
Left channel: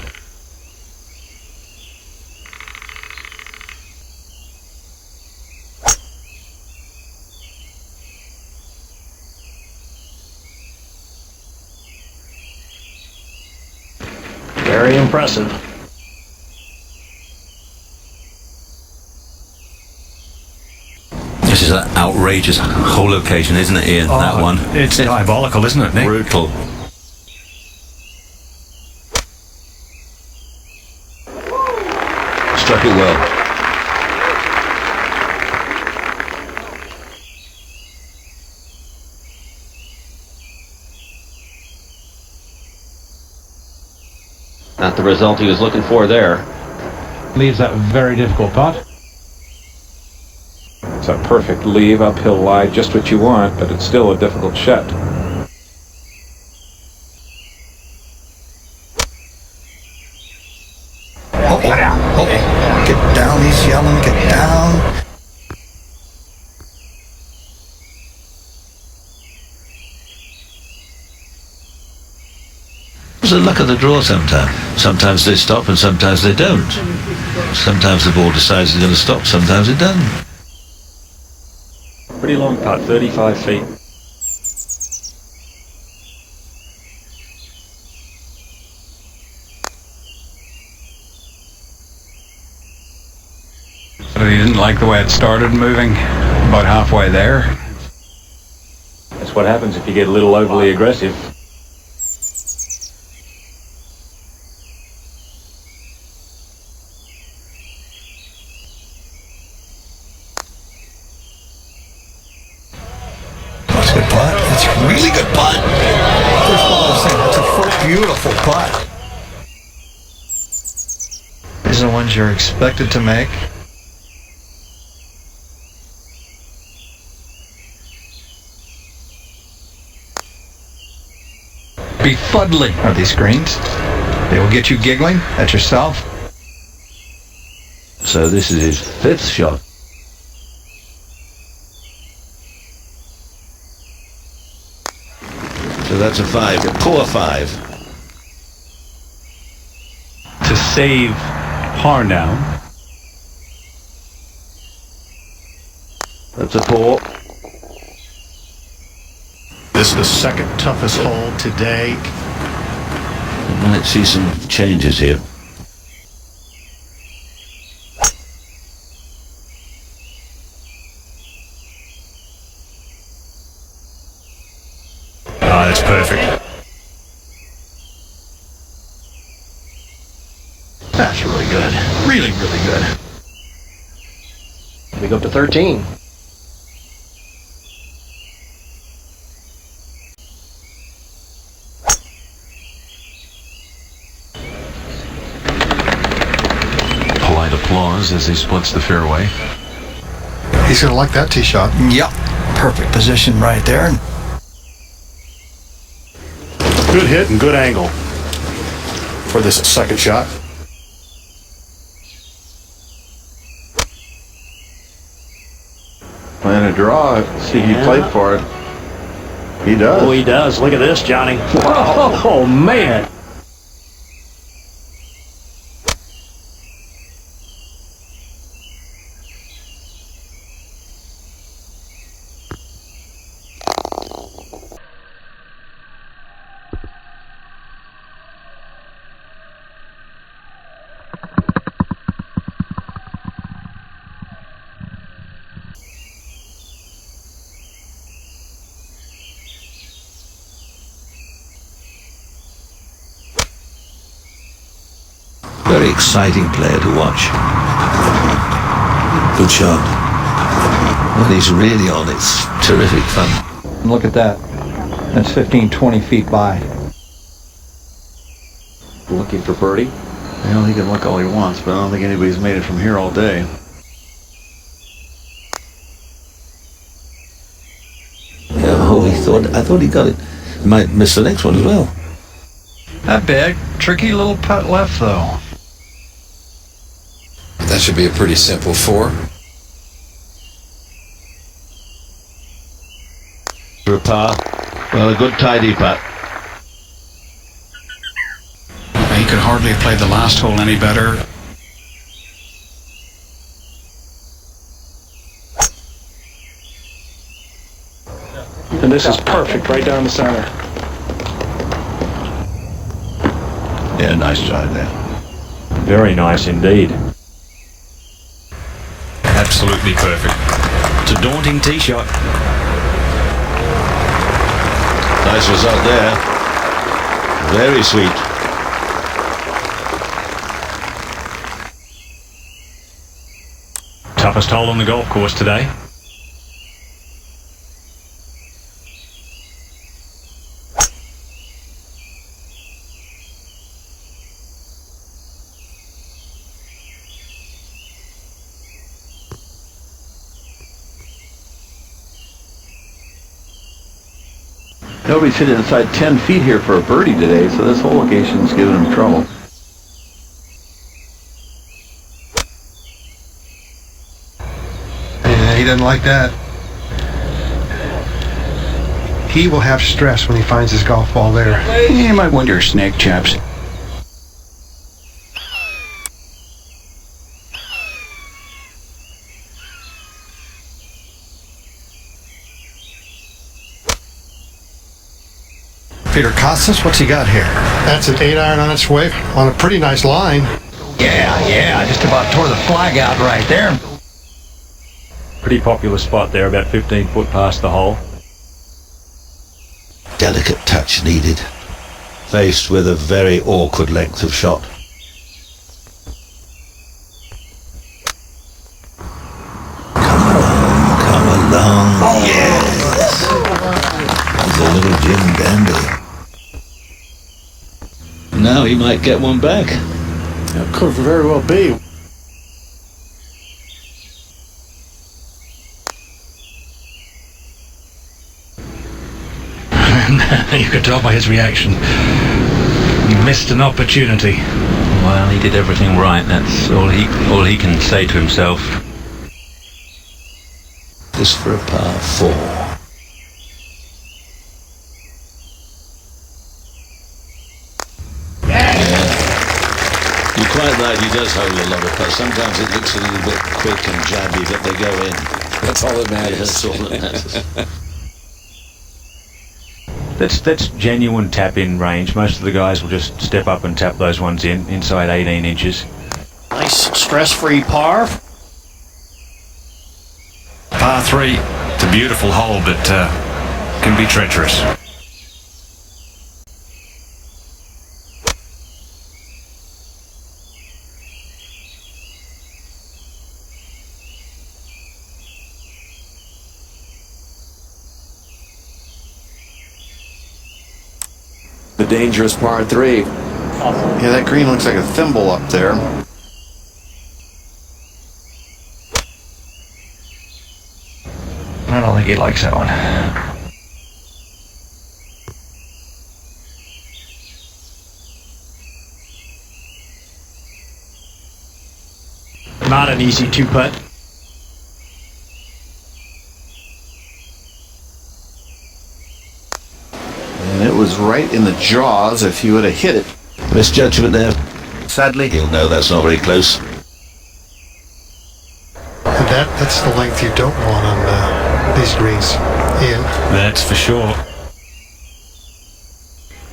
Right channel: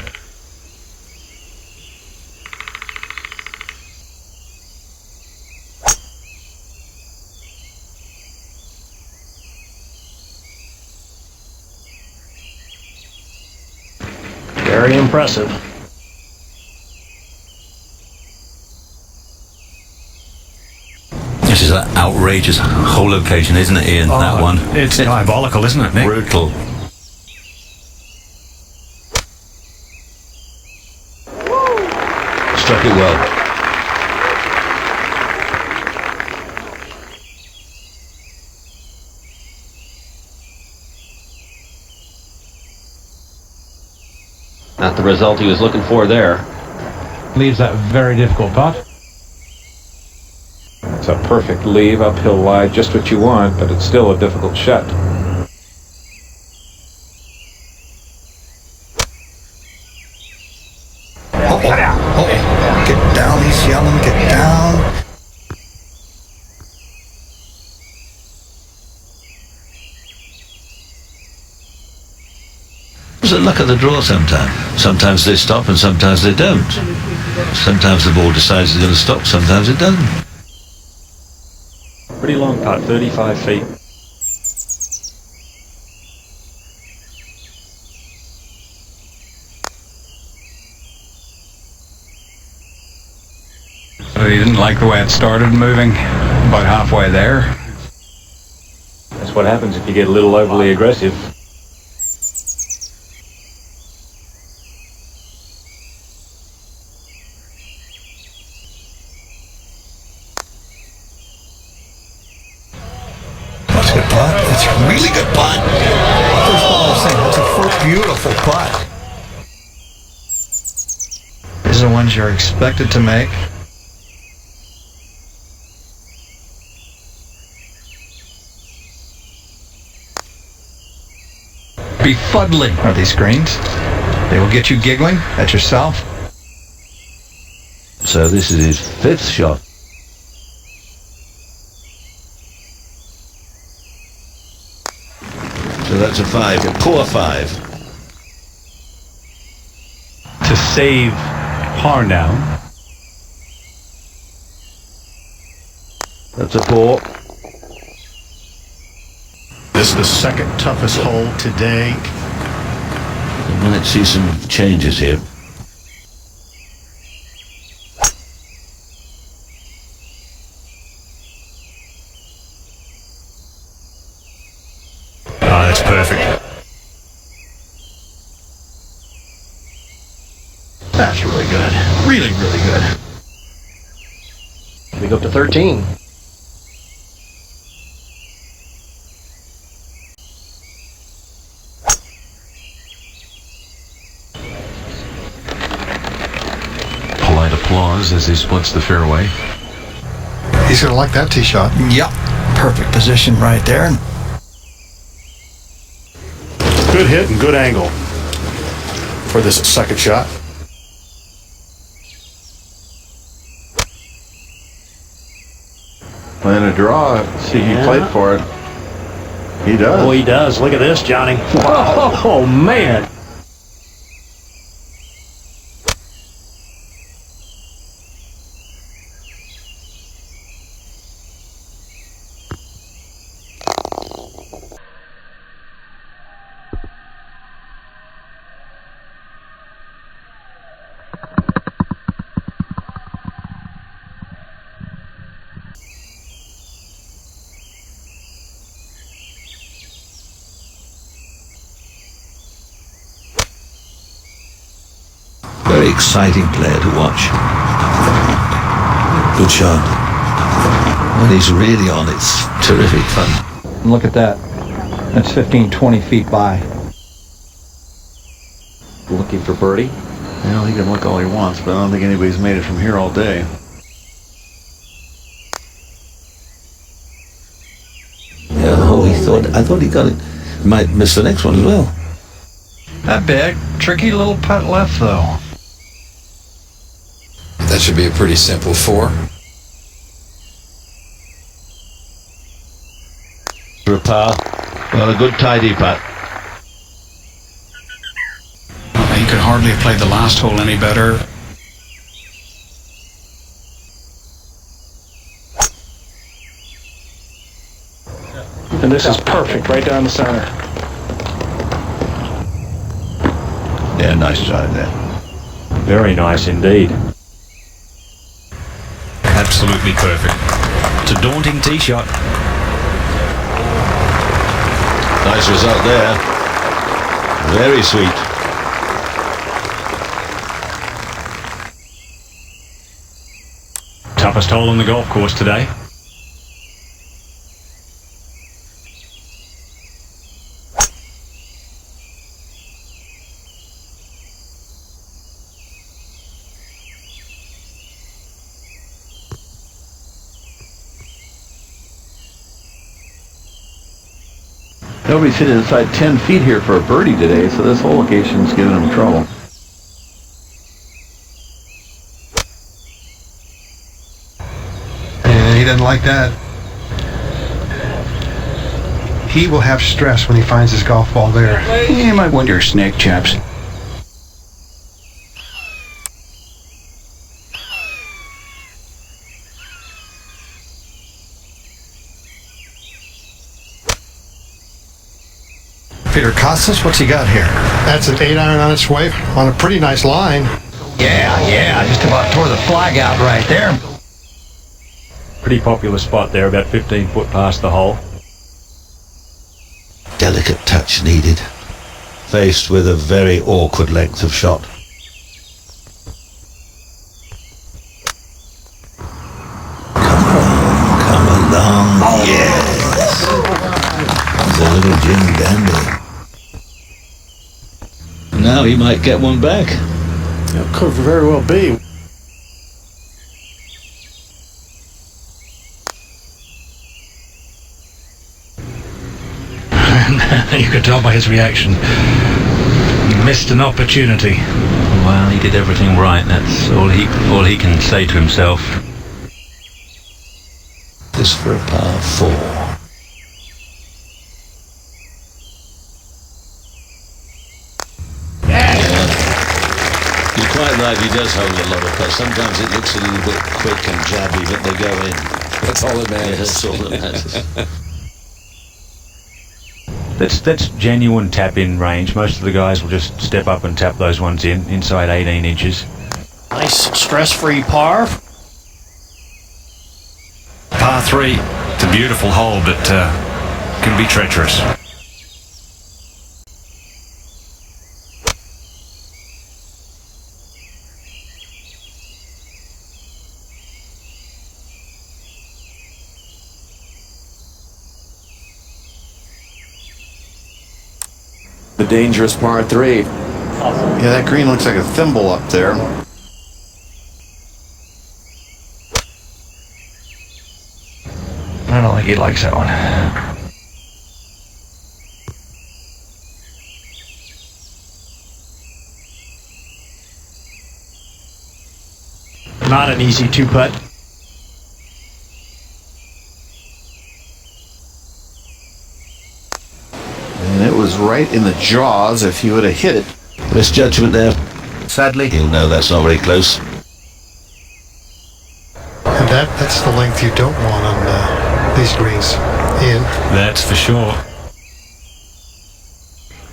Very impressive. This is an outrageous hole location, isn't it, Ian? That one. It's diabolical, isn't it, Nick? Brutal. Struck it well. Not the result he was looking for there. Leaves that very difficult putt. It's a perfect leave, uphill lie, just what you want, but it's still a difficult shot. Get down, he's yelling, get down. It's the luck of the draw sometimes. Sometimes they stop and sometimes they don't. Sometimes the ball decides it's going to stop, sometimes it doesn't. Pretty long putt, 35 feet. So he didn't like the way it started moving about halfway there. That's what happens if you get a little overly aggressive. That's a good putt. That's a really good putt. First of all, I was saying, that's a first beautiful putt. These are the ones you're expected to make. Befuddling are these greens. They will get you giggling at yourself. So this is his 5th shot. So that's a 5, a poor 5. To save par now. That's a poor. This is the second toughest hole today. We might see some changes here. That's perfect. That's really good. Really, really good. We go up to 13. Polite applause as he splits the fairway. He's going to like that tee shot. Yep. Perfect position right there. Good hit and good angle for this second shot. Playing a draw. See, he played for it. He does. Oh, he does. Look at this, Johnny. Oh, man. Very exciting player to watch. Good shot. When he's really on, it's terrific fun. Look at that. That's 15, 20 feet by. Looking for birdie? Well, he can look all he wants, but I don't think anybody's made it from here all day. Yeah, I thought he got it. Might miss the next one as well. That big, tricky little putt left, though. That should be a pretty simple 4. For a par. Well, a good tidy putt. He could hardly have played the last hole any better. And this is perfect right down the center. Yeah, nice drive there. Very nice indeed. Absolutely perfect. It's a daunting tee shot. Nice result there. Very sweet. Toughest hole on the golf course today. Nobody's hit inside 10 feet here for a birdie today, so this whole location's giving him trouble. Yeah, he doesn't like that. He will have stress when he finds his golf ball there. You might wonder, snake chaps. Peter Costas, what's he got here? That's an 8-iron on its way on a pretty nice line. Yeah, just about tore the flag out right there. Pretty popular spot there, about 15 foot past the hole. Delicate touch needed. Faced with a very awkward length of shot. Come along, yes. He's a little Jim Dandy. Now he might get one back. That could very well be. You could tell by his reaction. He missed an opportunity. Well, he did everything right. That's all he can say to himself. This for a par 4. You're quite right, he does hold a lot of putts. Sometimes it looks a little bit quick and jabby, but they go in. That's all that matters. Yeah, that's all that matters. That's genuine tap-in range. Most of the guys will just step up and tap those ones inside 18 inches. Nice stress-free par. Par 3. It's a beautiful hole, but can be treacherous. The dangerous par 3. Yeah, that green looks like a thimble up there. I don't think he likes that one. Not an easy two-putt. And it was right in the jaws if he would have hit it. Misjudgment there. Sadly, he'll know that's not very close. And that's the length you don't want on these greens, Ian. That's for sure.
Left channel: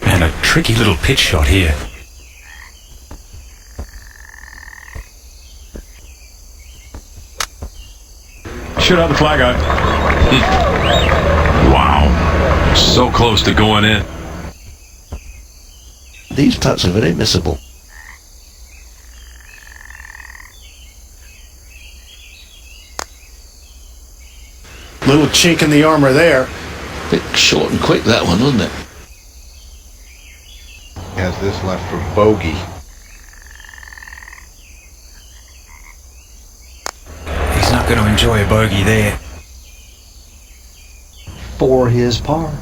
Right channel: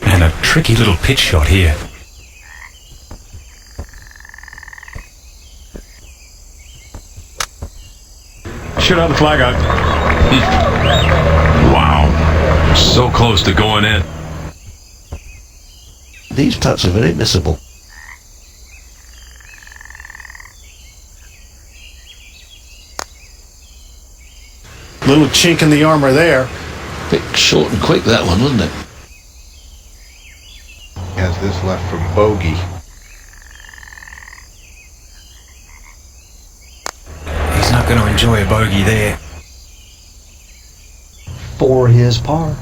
And a tricky little pitch shot here. Shoot out the flag out. Wow. So close to going in. These putts are very missable. Little chink in the armor there. Bit short and quick, that one, wasn't it? Has this left from bogey. He's not going to enjoy a bogey there. For his par.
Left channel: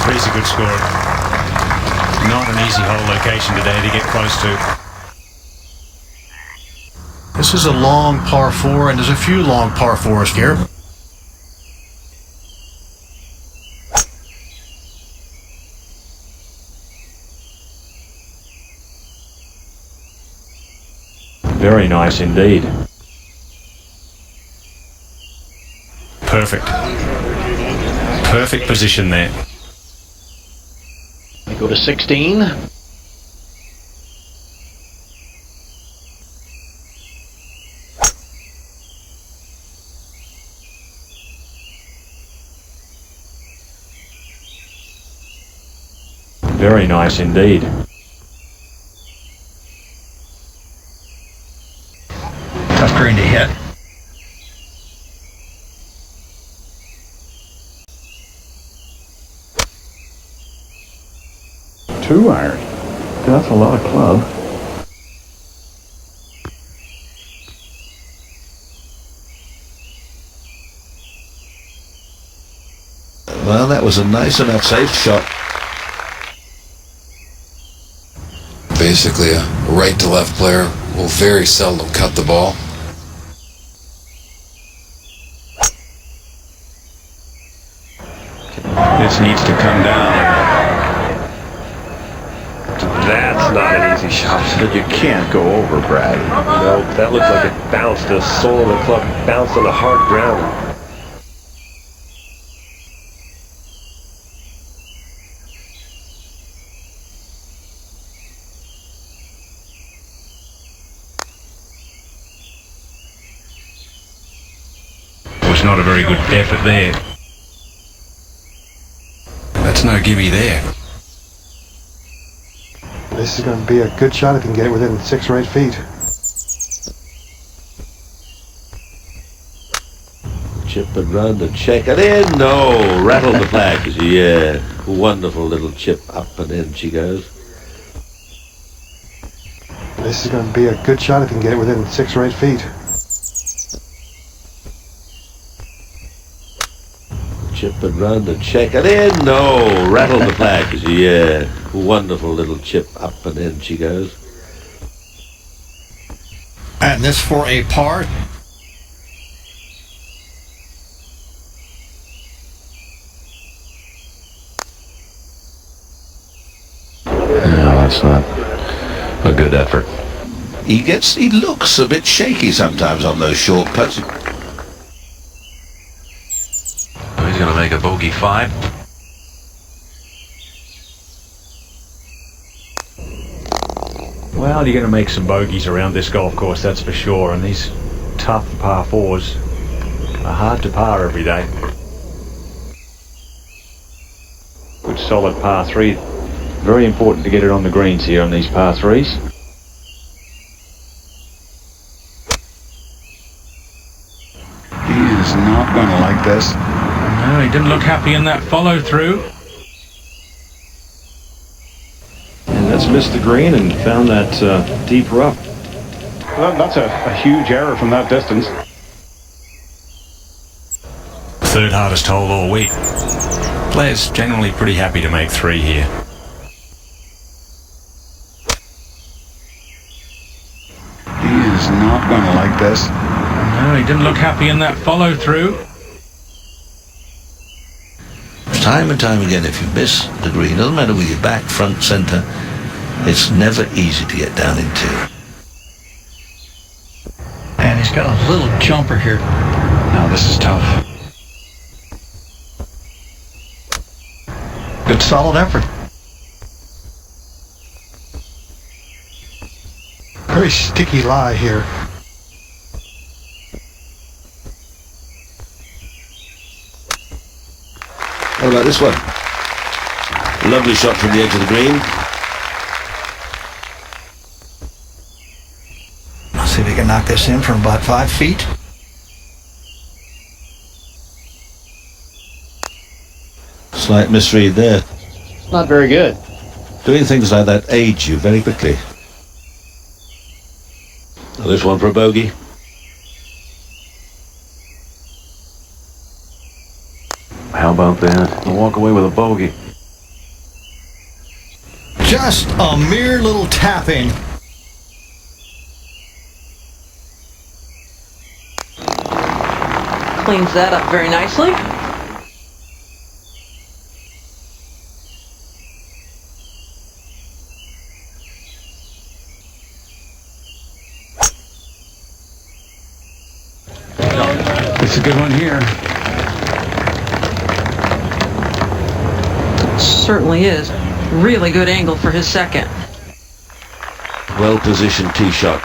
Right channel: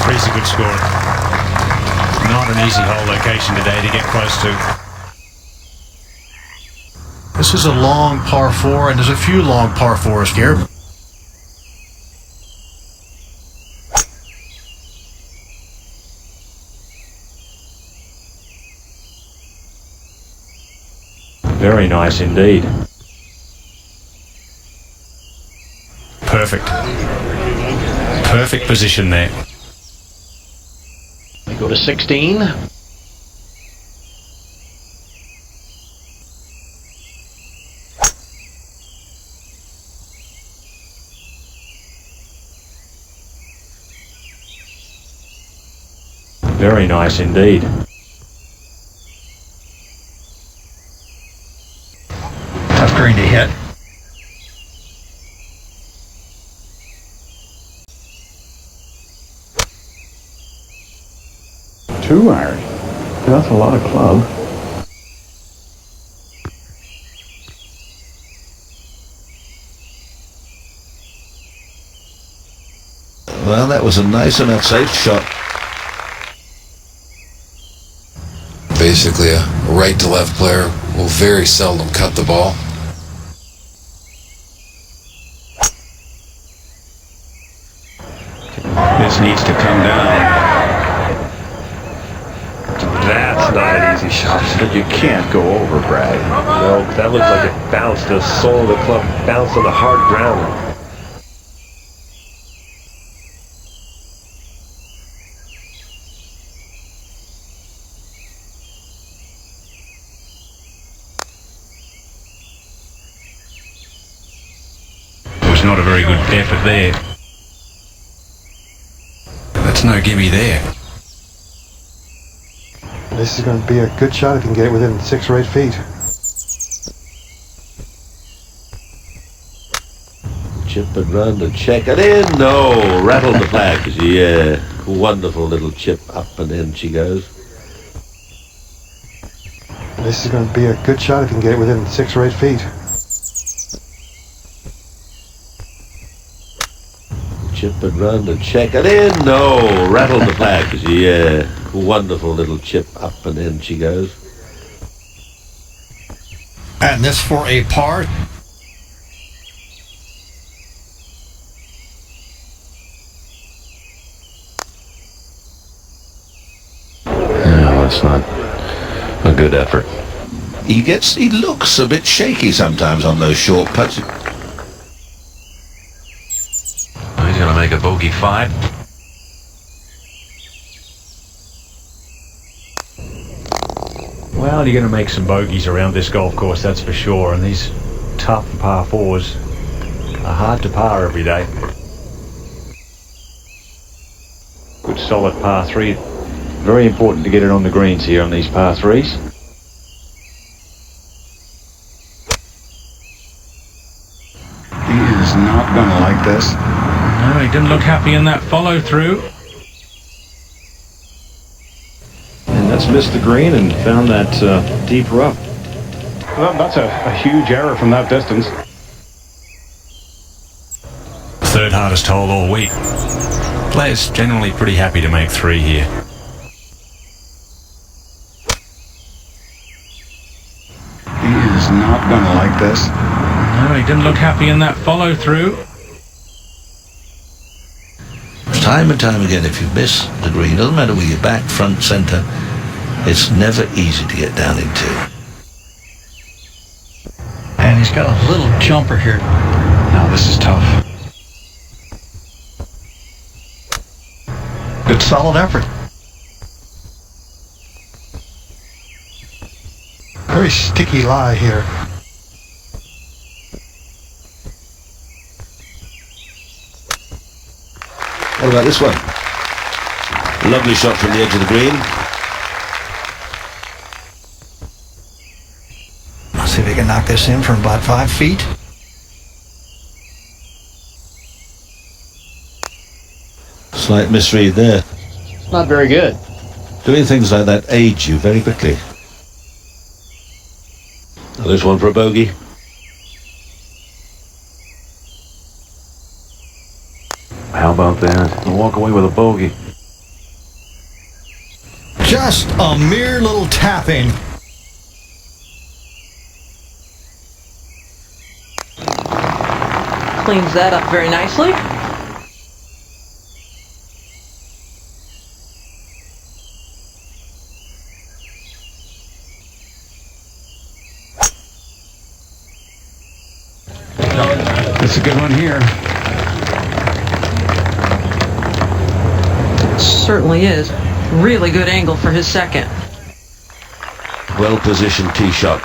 Three's a good score. Not an easy hole location today to get close to. This is a long par 4, and there's a few long par 4s here. Very nice indeed. Perfect. Perfect position there. We go to 16. Very nice indeed. Tough green to hit. Two iron. That's a lot of club. Well, that was a nice enough safe shot. Basically, a right to left player will very seldom cut the ball. This needs to come down. That's not an easy shot. But you can't go over, Brad. No, that looked like it bounced. The sole of the club bounced on the hard ground. Not a very good effort there. That's no gimme there. This is going to be a good shot if you can get it within 6 or 8 feet. Chip it round and check it in. No, rattled the flags. Yeah, wonderful little chip up and in she goes. This is going to be a good shot if you can get it within 6 or 8 feet. Chip it round and check it in. No, rattled the flags. Yeah, wonderful little chip up and in she goes. And this for a par. No, that's not a good effort. He looks a bit shaky sometimes on those short putts. make a bogey 5. Well, you're going to make some bogeys around this golf course, that's for sure. And these tough par 4s are hard to par every day. Good solid par 3. Very important to get it on the greens here on these par 3s. He is not going to like this. No, he didn't look happy in that follow through. And that's missed the green and found that deep rough. Well, that's a huge error from that distance. Third hardest hole all week. Players generally pretty happy to make 3 here. He is not going to like this. No, he didn't look happy in that follow through. Time and time again, if you miss the green, doesn't matter whether you're back, front, centre, it's never easy to get down into. And he's got a little jumper here. Now this is tough. Good solid effort. Very sticky lie here. How about this one? Lovely shot from the edge of the green. I'll see if he can knock this in from about 5 feet. Slight misread there. Not very good. Doing things like that age you very quickly. Now this one for a bogey. How about that? I'll walk away with a bogey. Just a mere little tapping. Cleans that up very nicely. It's a good one here. Certainly is. Really good angle for his second. Well-positioned tee shot.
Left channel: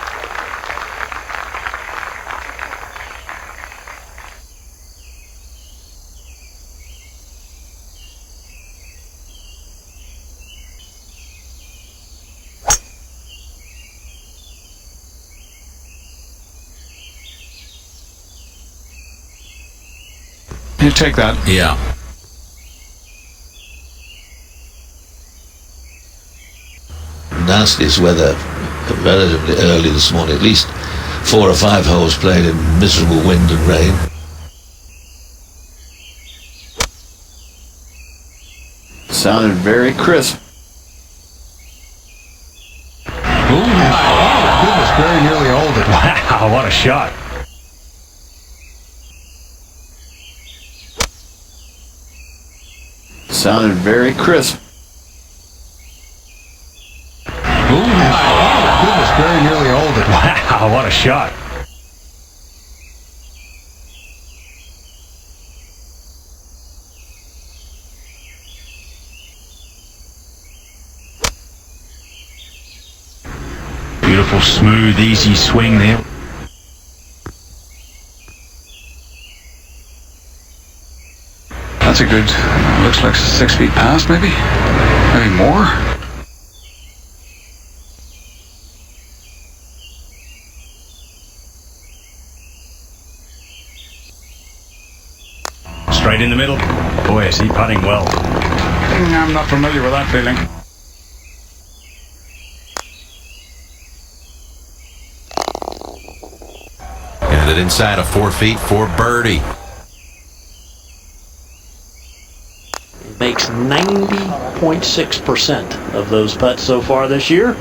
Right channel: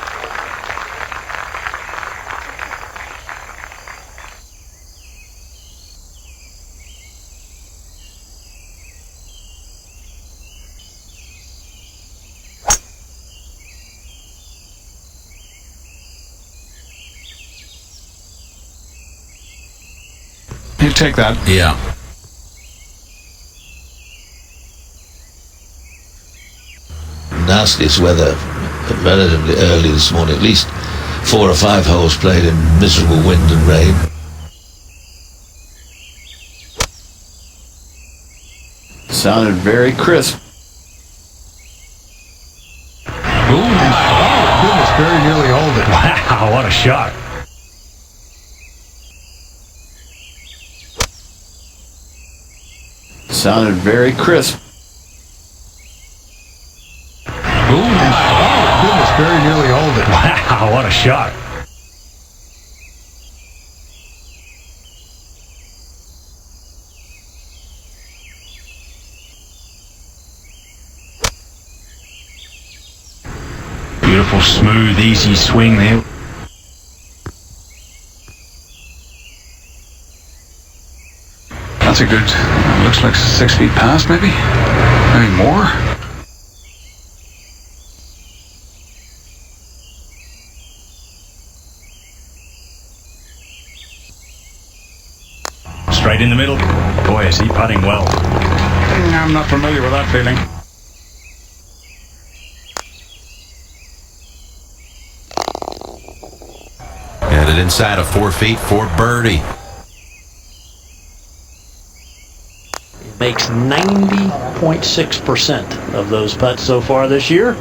You take that. Yeah. Nastiest weather relatively early this morning. At least 4 or 5 holes played in miserable wind and rain. Sounded very crisp. Oh, goodness, very nearly hold it. Wow, what a shot. Sounded very crisp. Oh, goodness, very nearly hold it. Wow, what a shot. Beautiful, smooth, easy swing there. That's a good, looks like 6 feet past maybe. Maybe more. Straight in the middle. Boy, is he putting well. I'm not familiar with that feeling. And it inside of 4 feet for birdie. Makes 90.6% of those putts so far this year.